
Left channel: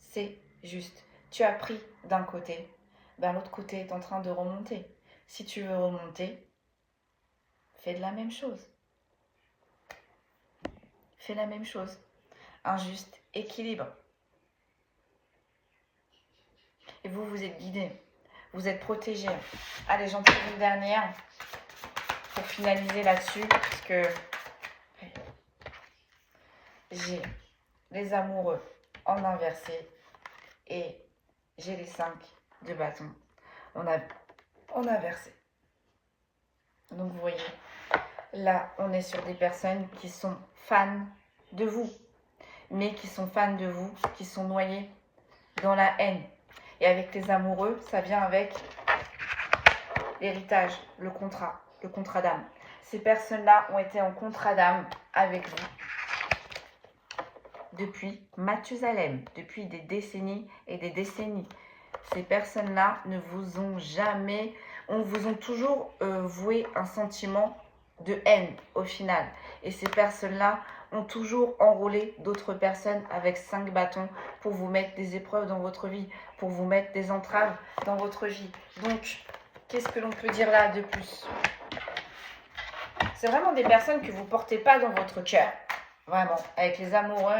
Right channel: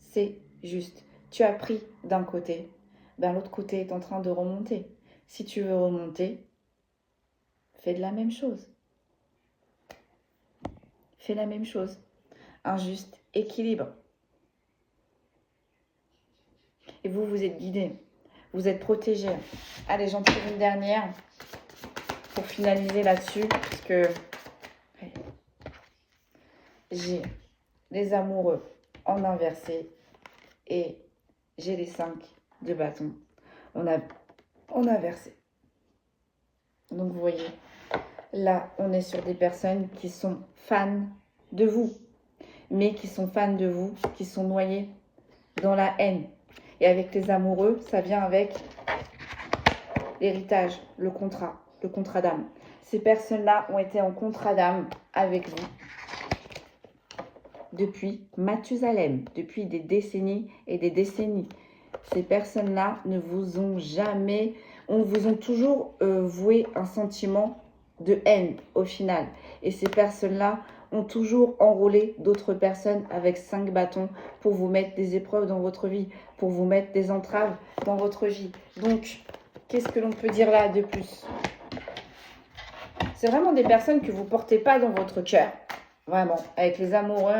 C'est juste. Tu as pris d'un côté. Ben, l'autre côté est en train de remonter. Si tu veux remonter, fais de la même chose. Fais la même chose. Un juste équilibre. Et vous, vous êtes guidés. Vous êtes protégés. Allez, j'en tire une dernière pour finaliser là-dessus. Parce que j'ai les amoureux en inversé et j'ai les 5 de bâton en inversé. Donc, vous voyez, là, on est sur des personnes qui sont fans de vous, mais qui sont fans de vous, qui sont noyées dans la haine, Et avec les amoureux, ça vient avec l'héritage, le contrat d'âme. Ces personnes-là ont été en contrat d'âme avec vous depuis Mathusalem, depuis des décennies et des décennies. Ces personnes-là ne vous ont jamais, vous ont toujours voué un sentiment de haine au final. Et ces personnes-là ont toujours enrôlé d'autres personnes avec 5 bâtons pour vous mettre des épreuves dans votre vie, pour vous mettre des entraves dans votre vie. Donc, qu'est-ce que l'on peut dire là de plus? C'est vraiment des personnes que vous ne portez pas dans votre cœur. Vraiment, avec les amoureux.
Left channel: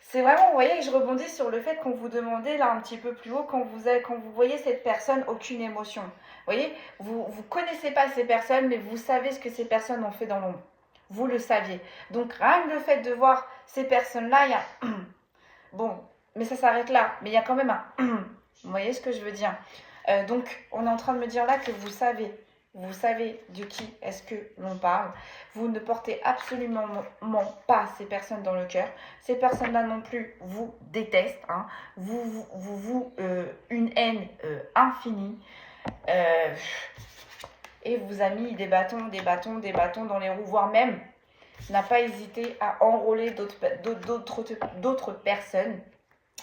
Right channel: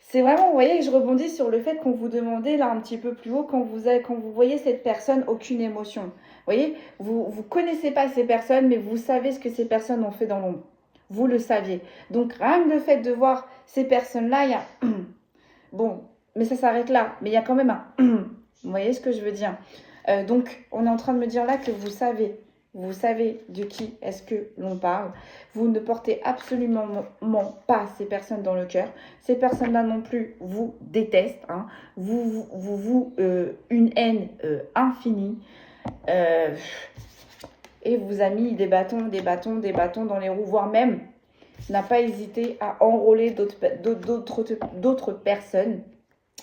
C'est vraiment, vous voyez, je rebondis sur le fait qu'on vous demandait là un petit peu plus haut, quand vous voyez cette personne, aucune émotion. Vous voyez, vous ne connaissez pas ces personnes, mais vous savez ce que ces personnes ont fait dans l'ombre. Vous le saviez. Donc, rien que le fait de voir ces personnes-là, il y a... Bon, mais ça s'arrête là. Mais il y a quand même un... Vous voyez ce que je veux dire? Donc, on est en train de me dire là que vous savez de qui est-ce que l'on parle. Vous ne portez absolument pas ces personnes dans le cœur. Ces personnes-là non plus vous détestent. Hein. Une haine infinie. Et vous a mis des bâtons dans les roues, voire même n'a pas hésité à enrôler d'autres personnes.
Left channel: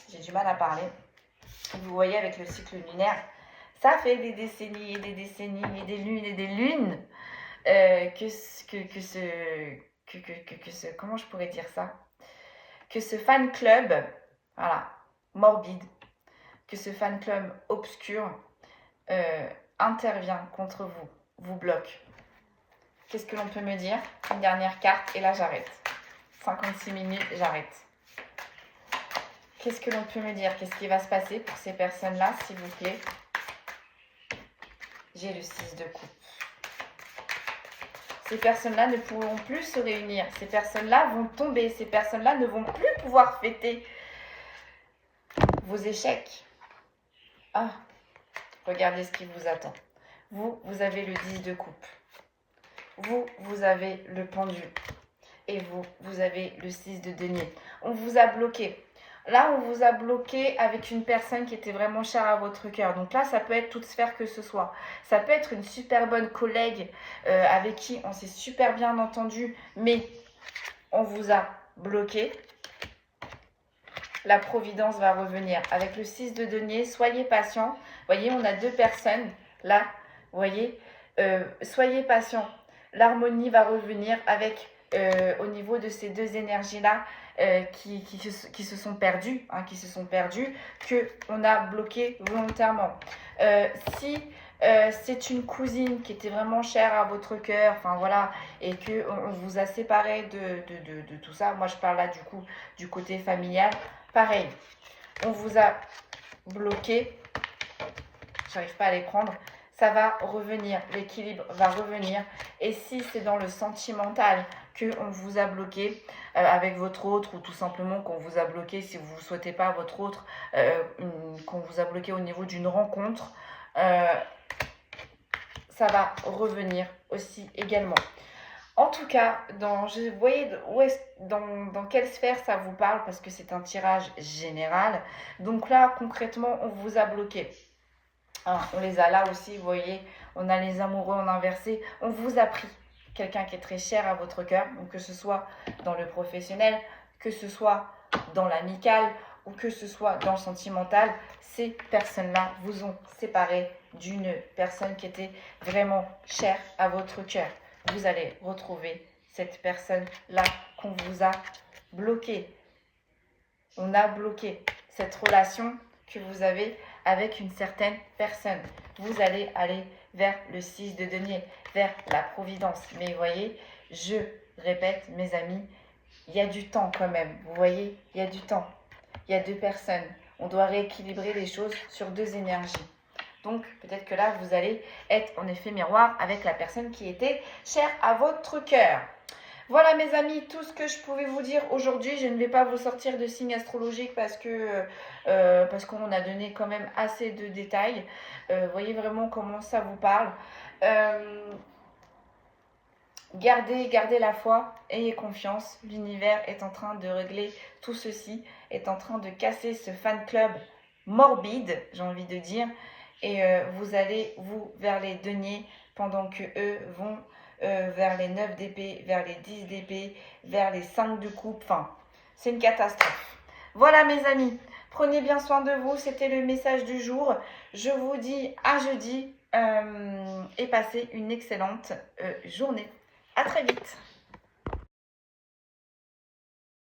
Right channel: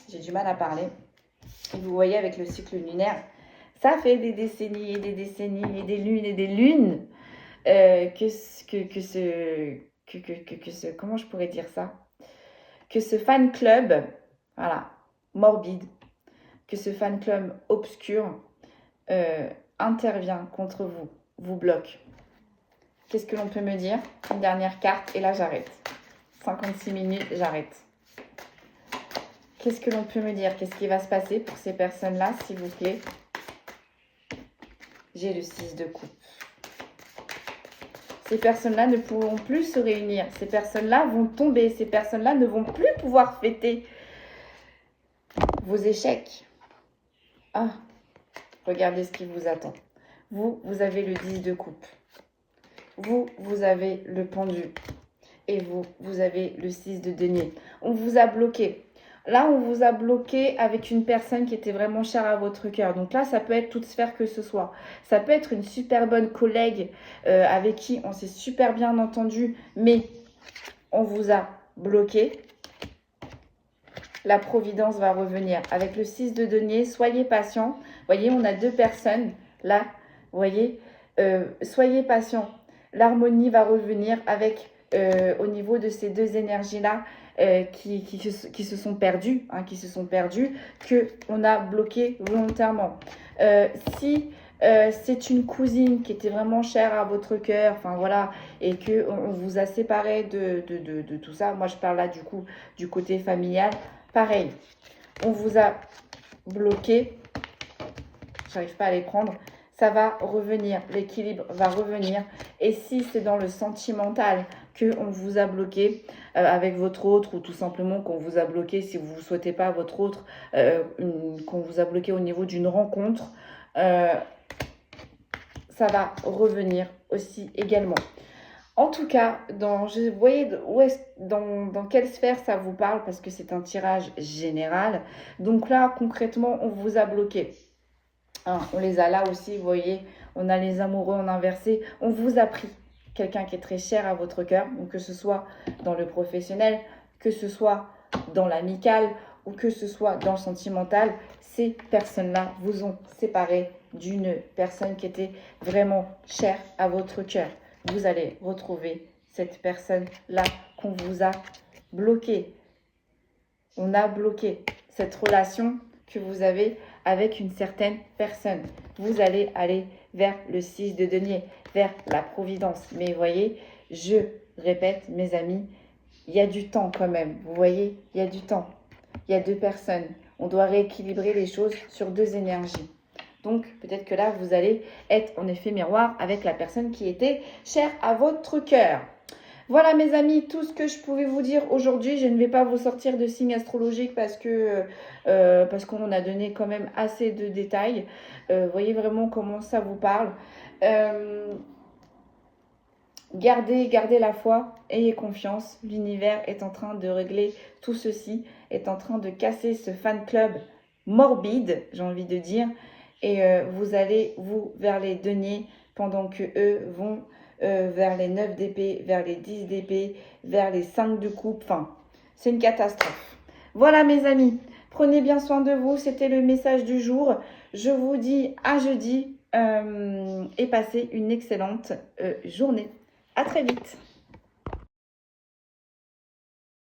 J'ai du mal à parler. Et vous voyez avec le cycle lunaire, ça fait des décennies et des décennies et des lunes comment je pourrais dire ça? Que ce fan club, voilà, morbide, que ce fan club obscur intervient contre vous, vous bloque. Qu'est-ce que l'on peut me dire? Une dernière carte et là j'arrête. 56 minutes, j'arrête. Qu'est-ce que l'on peut me dire? Qu'est-ce qui va se passer pour ces personnes-là, s'il vous plaît? J'ai le 6 de coupe. Ces personnes-là ne pourront plus se réunir. Ces personnes-là vont tomber. Ces personnes-là ne vont plus pouvoir fêter vos échecs. Ah, regardez ce qui vous attend. Vous avez le 10 de coupe. Vous avez le pendu. Et vous avez le 6 de denier. On vous a bloqué. Là, on vous a bloqué avec une personne qui était vraiment chère à votre cœur. Donc là, ça peut être toute sphère que ce soit. Ça peut être une super bonne collègue avec qui on s'est super bien entendu, mais on vous a bloqué. La providence va revenir. Avec le 6 de denier, soyez patient. Vous voyez, on a 2 personnes là. Vous voyez, soyez patient. L'harmonie va revenir avec, au niveau de ces 2 énergies-là, qui se sont perdus, que on a bloqué volontairement. Si c'est une cousine qui était vraiment chère à votre cœur, enfin voilà, et que on vous a séparé de tout ça, moi je parle là du coup du côté familial, pareil, on vous a bloqué, j'arrive pas à les prendre. Ça va revenir, l'équilibre va revenir. Et si c'est dans le sentimental qu'on vous a bloqué avec votre autre, ou tout simplement qu'on vous a bloqué si vous ne souhaitez pas votre autre, qu'on vous a bloqué au niveau d'une rencontre, ça va revenir aussi également. En tout cas, vous voyez dans quelle sphère ça vous parle, parce que c'est un tirage général. Donc là, concrètement, on vous a bloqué. Ah, on les a là aussi, vous voyez, on a les amoureux en inversé. On vous a pris quelqu'un qui est très cher à votre cœur, donc que ce soit dans le professionnel, que ce soit dans l'amical ou que ce soit dans le sentimental. Ces personnes-là vous ont séparé d'une personne qui était vraiment chère à votre cœur. Vous allez retrouver cette personne-là qu'on vous a bloquée. On a bloqué cette relation que vous avez avec une certaine personne. Vous allez aller vers le 6 de denier, vers la providence. Mais vous voyez, je répète, mes amis, il y a du temps quand même. Vous voyez, il y a du temps. Il y a 2 personnes. On doit rééquilibrer les choses sur 2 énergies. Donc, peut-être que là, vous allez être en effet miroir avec la personne qui était chère à votre cœur. Voilà mes amis, tout ce que je pouvais vous dire aujourd'hui. Je ne vais pas vous sortir de signes astrologiques parce qu'on a donné quand même assez de détails. Voyez vraiment comment ça vous parle. Gardez la foi, ayez confiance. L'univers est en train de régler tout ceci, est en train de casser ce fan club morbide, j'ai envie de dire, et vous allez vers les deniers pendant que eux vont vers les 9 d'épée, vers les 10 d'épée, vers les 5 de coupe. Enfin, c'est une catastrophe. Voilà mes amis, prenez bien soin de vous, c'était le message du jour. Je vous dis à jeudi et passez une excellente journée. À très vite.